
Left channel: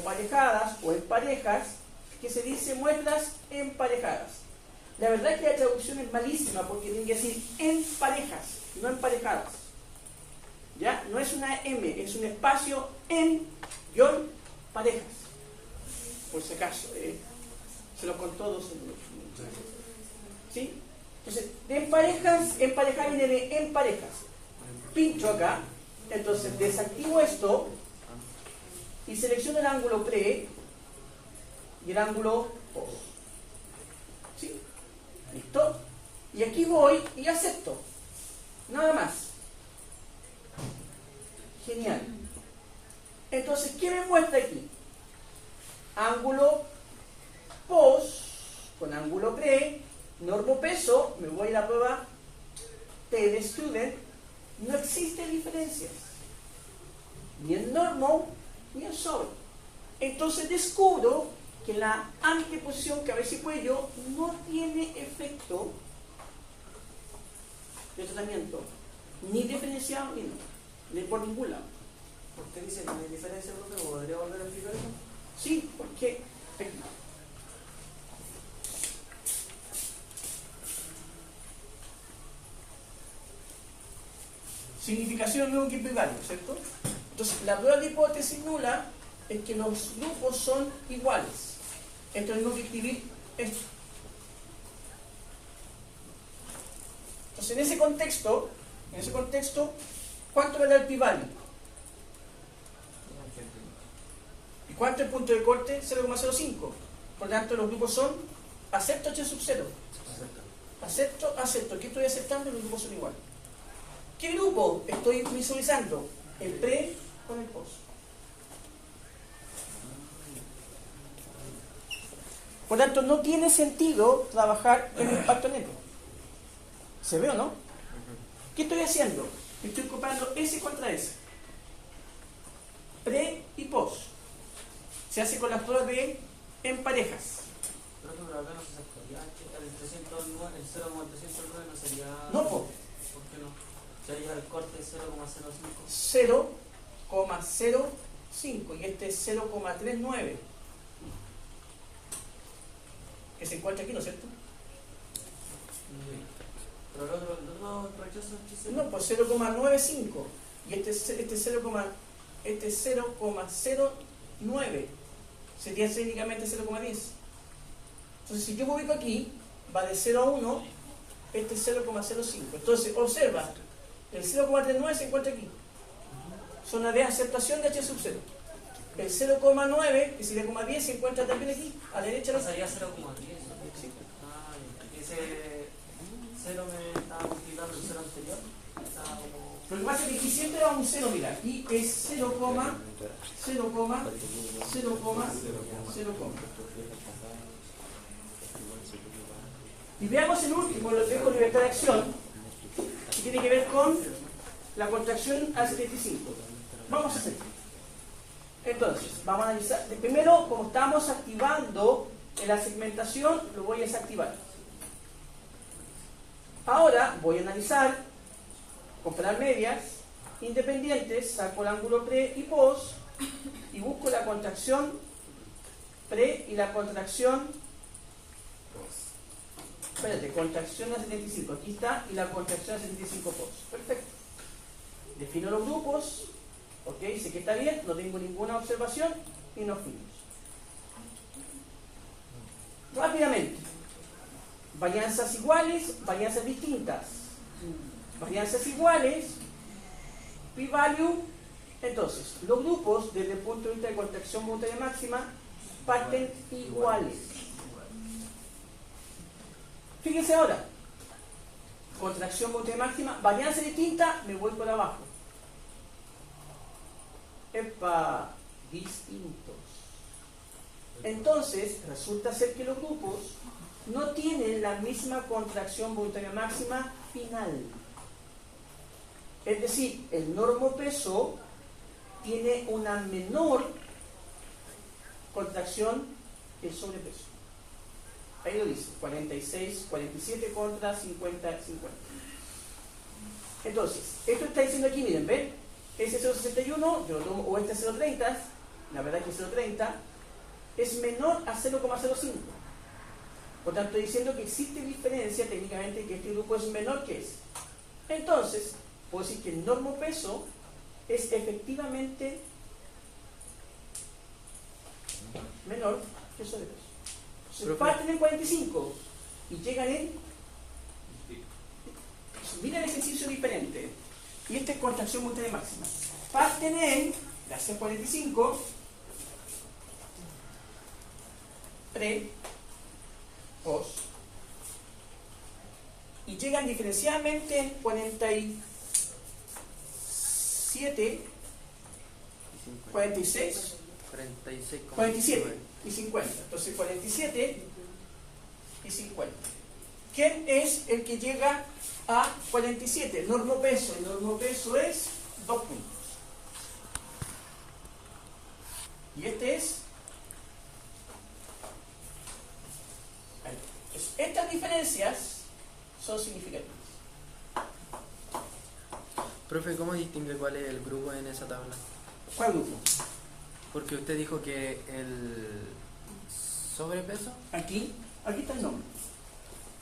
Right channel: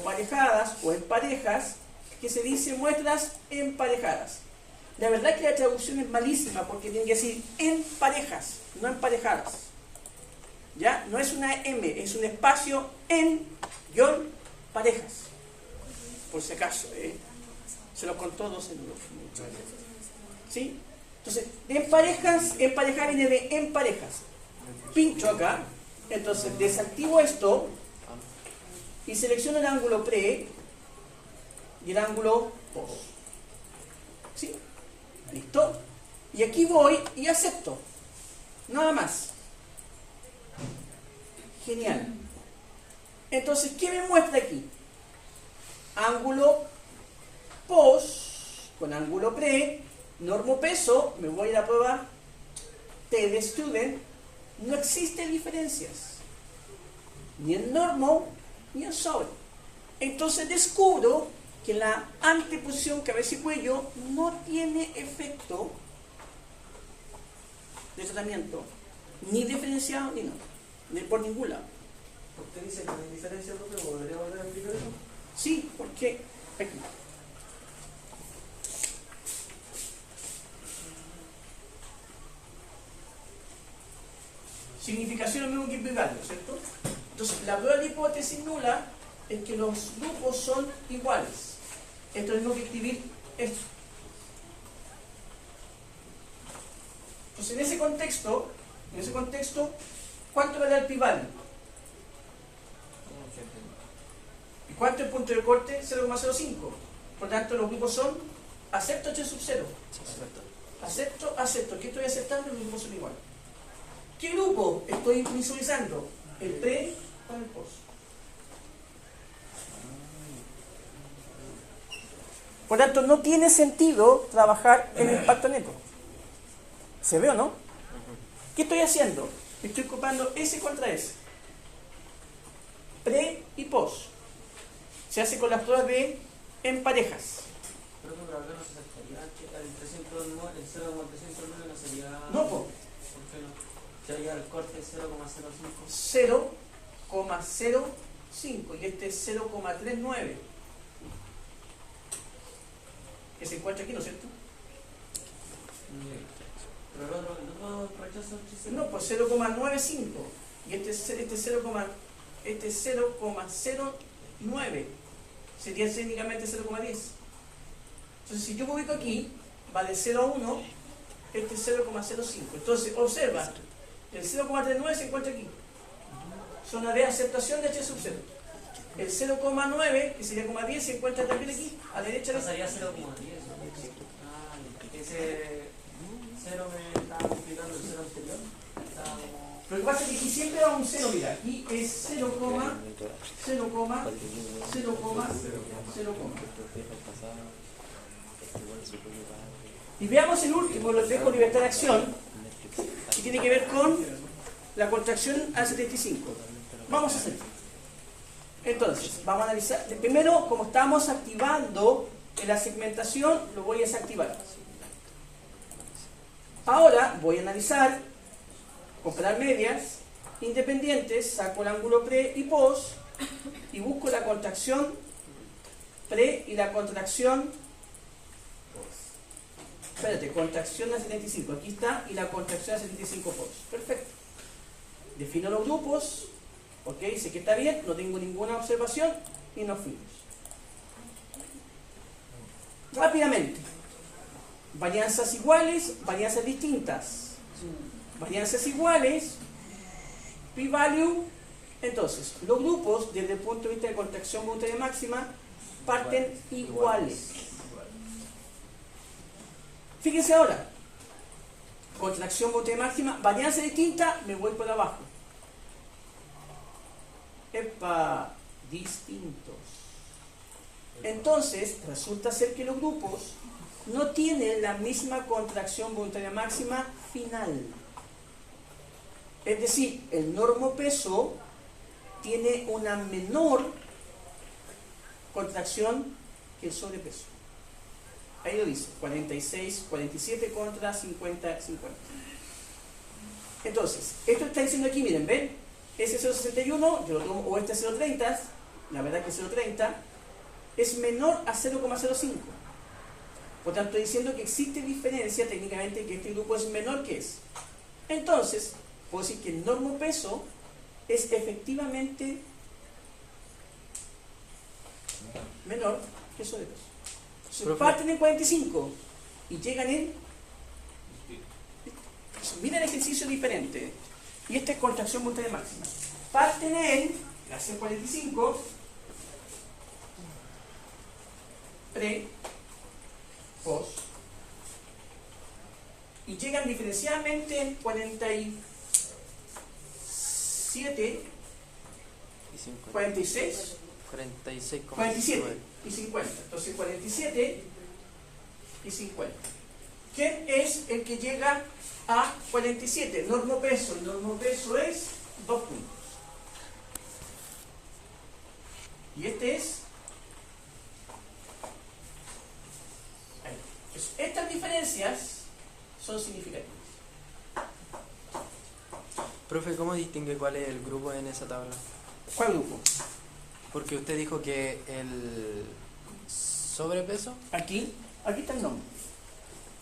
parejadas o en parejas, que se dice muestras emparejadas. La verdad es que la traducción es malísima porque tiene que decir en parejas, no emparejadas. ¿Ya? No es una M, es un espacio en guión parejas. Por si acaso, se lo contó dos en ¿sí? Entonces, en parejas, emparejar viene de en parejas. Pincho acá, entonces desactivo esto y selecciono el ángulo pre y el ángulo post. ¿Sí? ¿Listo? Y aquí voy y acepto. Nada más. Genial. Entonces, ¿qué me muestra aquí? Ángulo post con ángulo pre, normo peso, me voy a la prueba T de student, no existen diferencias. Ni en normo, ni en sobre. Entonces descubro que la anteposición cabeza y cuello no tiene efecto de tratamiento, ni diferenciado ni no, ni por ningún lado. ¿Usted dice que no hay diferencia, profe? ¿Podría volver a explicarlo? Sí, porque aquí. Significación es mismo que implicarlo, ¿cierto? Entonces, la prueba de hipótesis nula es que los grupos son iguales. Esto es lo mismo que escribir esto. Entonces, en ese contexto, ¿cuánto me da el pi-value? ¿Y cuánto es el punto de corte? 0,05. Por lo tanto, los grupos son acepto h sub 0. Acepto. ¿Qué estoy aceptando? Los grupos son iguales. ¿Qué grupo estoy visualizando? El pre con el post. Por lo tanto, no tiene sentido trabajar en el impacto neto. ¿Se ve o no? ¿Qué estoy haciendo? Estoy ocupando S contra S. Pre y post. Se hace con las pruebas de en parejas. Pero acá no se aceptaría el 309, el 0,309 no sería. No, po. ¿Por qué no? Ya hay el corte 0,05. 0,05 y este es 0,39 que se encuentra aquí, ¿no es cierto? Pero el otro rechazo es No, pues 0,95 y este es 0,09 sería técnicamente 0,10. Entonces si yo me ubico aquí, va de 0 a 1, este es 0,05. Entonces observa, el 0,39 se encuentra aquí, zona de aceptación de H sub 0. El 0,9, que sería 0,10, se encuentra también aquí, a la derecha de la pasaría 0,10. Ese 0 me estaba multiplicando el 0 anterior. Lo que pasa es que aquí siempre va un 0, mira, aquí es 0, 0, 0, 0. Y veamos el último, lo dejo libertad de acción, que tiene que ver con la contracción al 75. Vamos a hacerlo. Entonces, vamos a analizar. Primero, como estamos activando en la segmentación, lo voy a desactivar. Ahora voy a analizar, comparar medias independientes, saco el ángulo pre y post y busco la contracción pre y la contracción. Espérate, contracción a 75, aquí está, y la contracción a 75 post. Perfecto. Defino los grupos, ok, sé que está bien, no tengo ninguna observación y nos fuimos. Rápidamente. Varianzas iguales, varianzas distintas. Varianzas iguales, p-value. Entonces, los grupos desde el punto de vista de contracción voluntaria máxima parten iguales. Fíjense ahora, contracción voluntaria máxima, varianza distinta, me voy por abajo. Epa, distintos. Entonces, resulta ser que los grupos no tienen la misma contracción voluntaria máxima final. Es decir, el normopeso tiene una menor contracción que el sobrepeso. Ahí lo dice, 46, 47 contra 50, 50. Entonces, esto está diciendo aquí, miren, ¿ven? Ese 0,61, yo lo tomo, o este 0,30, la verdad que 0,30, es menor a 0,05. Por tanto, estoy diciendo que existe diferencia técnicamente, que este grupo es menor que ese. Entonces, puedo decir que el normopeso es efectivamente menor que el sobrepeso. Si parten en 45 y llegan en... Miren el ejercicio diferente. Y esta es contracción voluntaria máxima. Parten en, gracias 45, pre, post, y llegan diferencialmente en 47, 46, 47 y 50. Entonces 47 y 50. ¿Quién es el que llega a 47? Normopeso. El normopeso es 2 puntos. Y este es... ahí. Entonces, estas diferencias son significativas. Profe, ¿cómo distingue cuál es el grupo en esa tabla? ¿Cuál grupo? Porque usted dijo que el sobrepeso... Aquí está el nombre.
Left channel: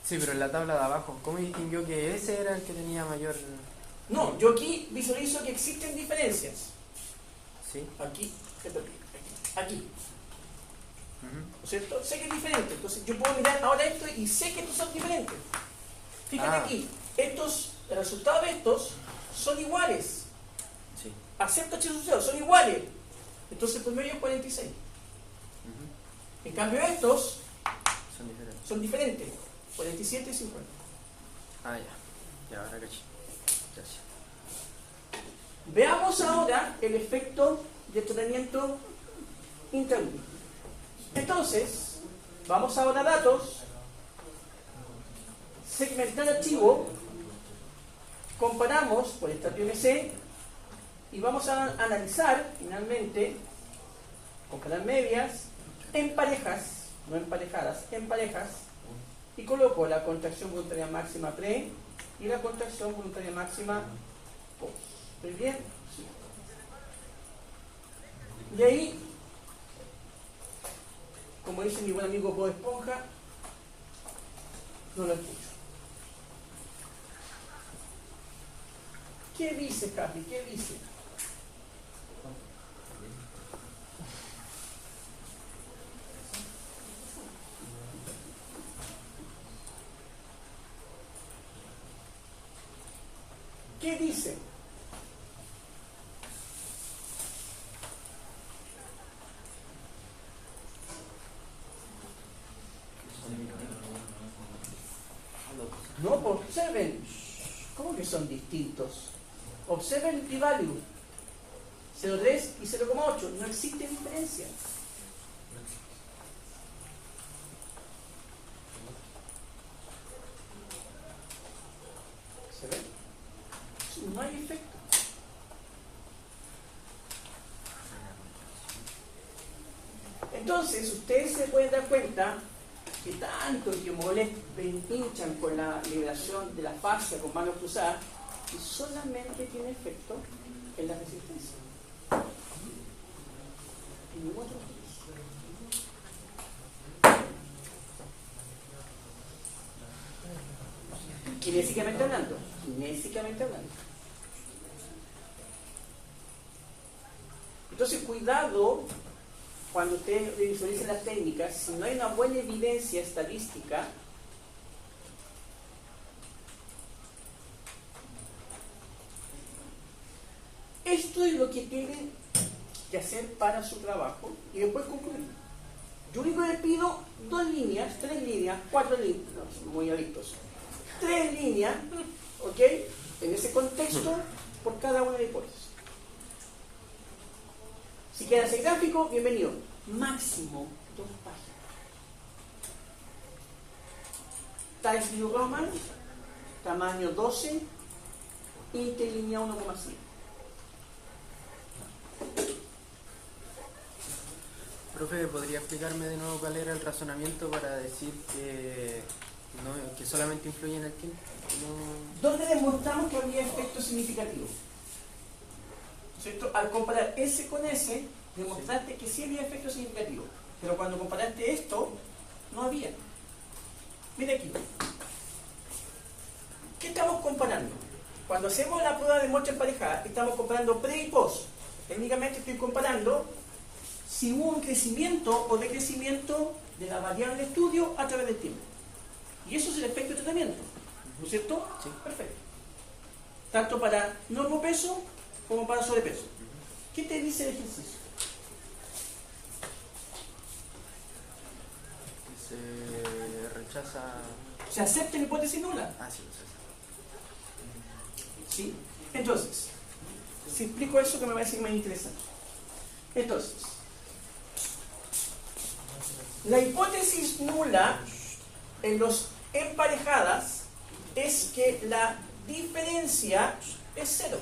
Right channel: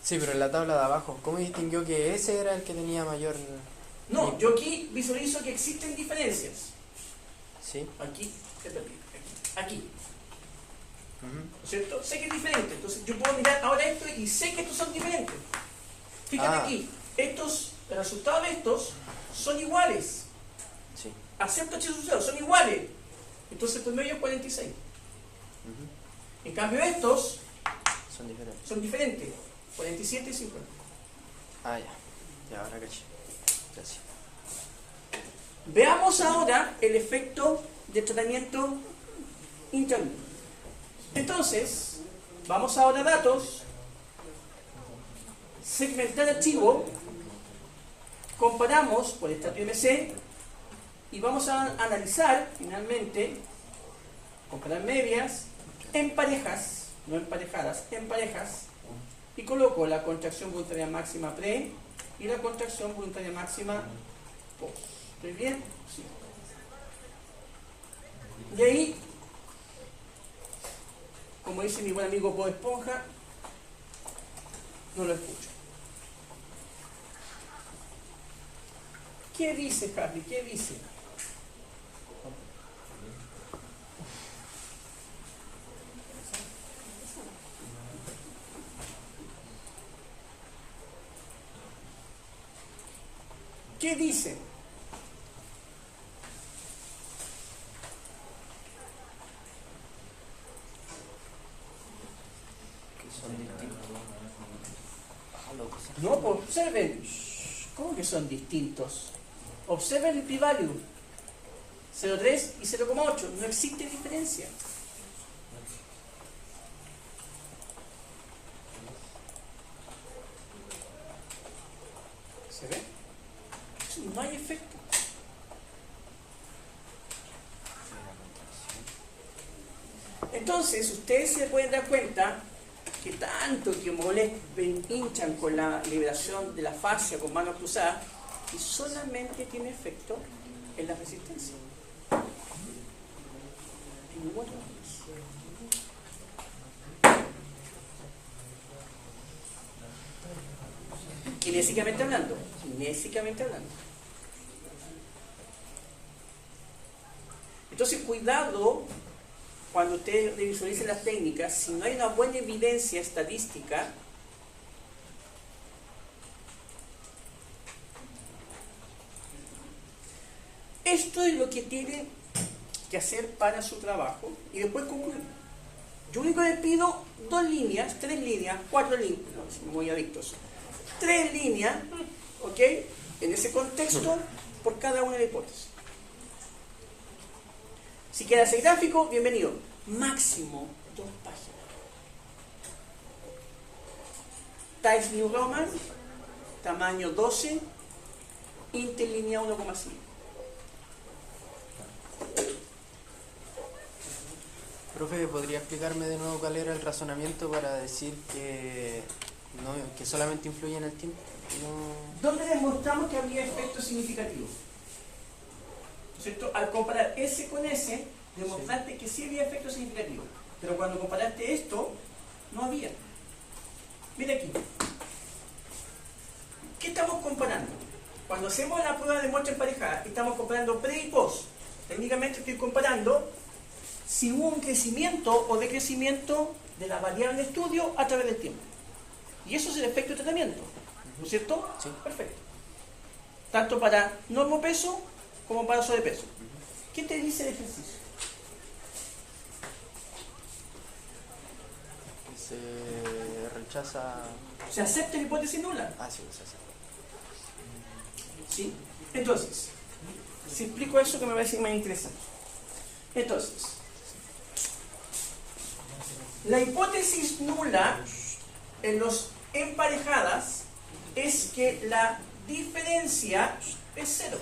Sí, pero en la tabla de abajo, ¿cómo distinguió que ese era el que tenía mayor...? No, yo aquí visualizo que existen diferencias. Sí. Aquí. ¿No es cierto? Sé que es diferente. Entonces yo puedo mirar ahora esto y sé que estos son diferentes. Fíjate aquí, el resultado de estos son iguales. Sí. Acepto H sub 0, son iguales. Entonces el promedio es 46. En cambio estos son diferentes. 47 y 50. Ah, ya. Ya, ahora caché. Gracias. Veamos ahora el efecto de tratamiento intraglúteo. Entonces, vamos ahora a datos. Segmentar archivo. Comparamos por estrato IMC y vamos a analizar finalmente, comparar medias en parejas no emparejadas, en parejas, y coloco la contracción voluntaria máxima pre y la contracción voluntaria máxima post. ¿Estoy bien? Sí. Y ahí, como dice mi buen amigo Bob Esponja, no lo escucho. ¿Qué dice, Harry? ¿Qué dice? ¿Qué dice? No, observen. ¿Cómo que son distintos? Observen el p-value. 0,3 y 0,8. No existe diferencia. ¿Se ve? No hay efecto. Entonces, ustedes se pueden dar cuenta que tanto que molesten, hinchan con la liberación de la fascia con manos cruzadas, y solamente tiene efecto en la resistencia. En ningún otro. Kinésicamente hablando. Kinésicamente hablando. Entonces, cuidado cuando ustedes visualicen las técnicas, si no hay una buena evidencia estadística, esto es lo que tienen que hacer para su trabajo y después concluir. Yo único les pido 2 líneas, 3 líneas, 4 líneas, no, son muy adictos, 3 líneas, ¿ok? En ese contexto, por cada una de las hipótesis. Si queda ese gráfico, bienvenido. Máximo 2 páginas. Times New Roman, tamaño 12, interlínea 1,5. Profe, ¿podría explicarme de nuevo cuál era el razonamiento para decir que, no, que solamente influye en el tiempo? No... ¿Dónde demostramos que había efecto significativo? ¿Cierto? Al comparar S con S, demostraste que sí había efecto significativo. Pero cuando comparaste esto, no había. Mira aquí. ¿Qué estamos comparando? Cuando hacemos la prueba de muestra emparejada, estamos comparando pre y post. Técnicamente estoy comparando si hubo un crecimiento o decrecimiento de la variable de estudio a través del tiempo. Y eso es el efecto de tratamiento. ¿No es cierto? Sí. Perfecto. Tanto para normopeso como para sobrepeso. ¿Qué te dice el ejercicio? Se rechaza... ¿Se acepta la hipótesis nula? Ah, sí, se acepta. ¿Sí? Entonces, si explico eso que me parece más interesante. Entonces, la hipótesis nula en los emparejadas es que la diferencia es 0.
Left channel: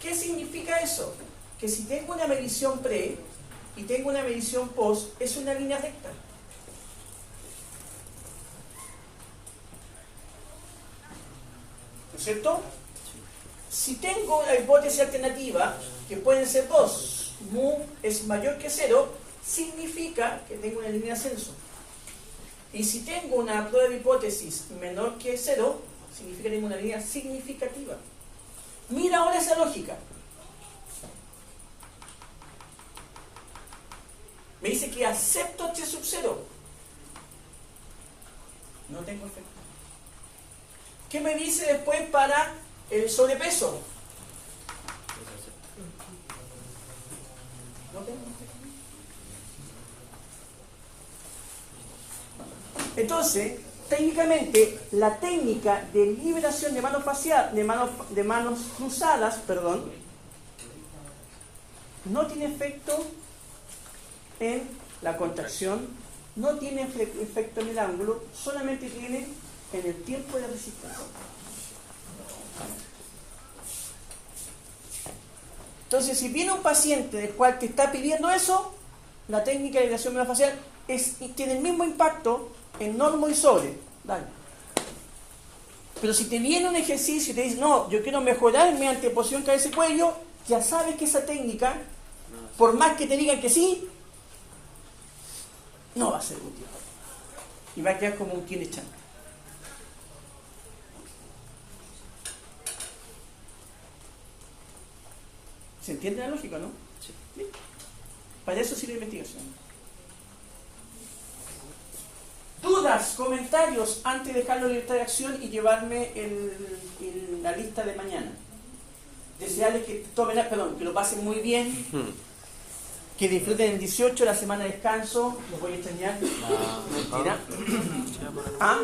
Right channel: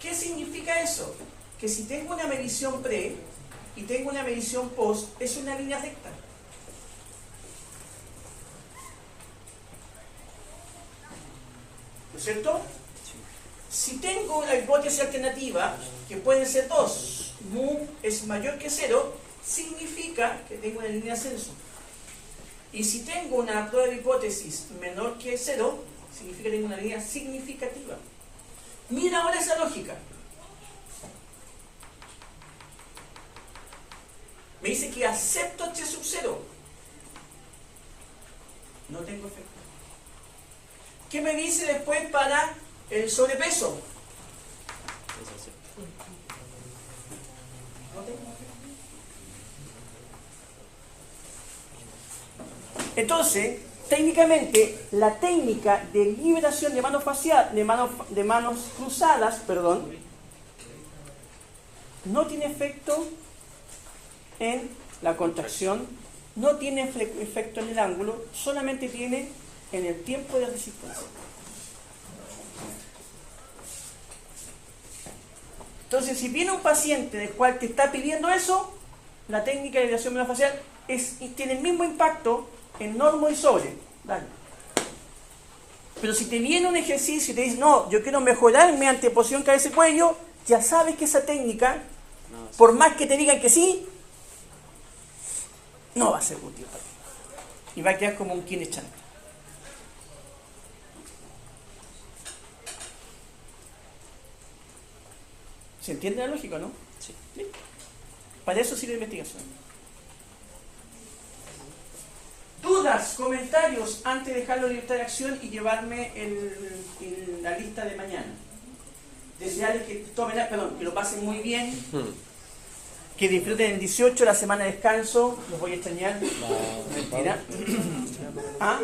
¿Qué significa eso? Que si tengo una medición pre y tengo una medición post, es una línea recta. ¿No es cierto? Si tengo la hipótesis alternativa, que pueden ser 2, mu es mayor que 0, significa que tengo una línea de ascenso. Y si tengo una prueba de hipótesis menor que 0, significa que tengo una línea significativa. Mira ahora esa lógica. Me dice que acepto H sub 0. No tengo efecto. ¿Qué me dice después para el sobrepeso? No tengo efecto. Entonces, técnicamente, la técnica de liberación de manos facial, de manos cruzadas, perdón, no tiene efecto en la contracción, no tiene efecto en el ángulo, solamente tiene en el tiempo de resistencia. Entonces, si viene un paciente del cual te está pidiendo eso, la técnica de elevación miofascial tiene el mismo impacto en normo y sobre. Dale. Pero si te viene un ejercicio y te dice, no, yo quiero mejorar mi anteposición cabeza-cuello, ya sabes que esa técnica, por más que te digan que sí, no va a ser útil. Y va a quedar como un kinechan. ¿Se entiende la lógica, no? Sí. Para eso sirve la investigación. ¿Dudas, comentarios antes de dejarlo en libertad de acción y llevarme la lista de mañana? Desearles que que lo pasen muy bien, que disfruten el 18, la semana de descanso. Los voy a extrañar. Mentira. ¿Ah?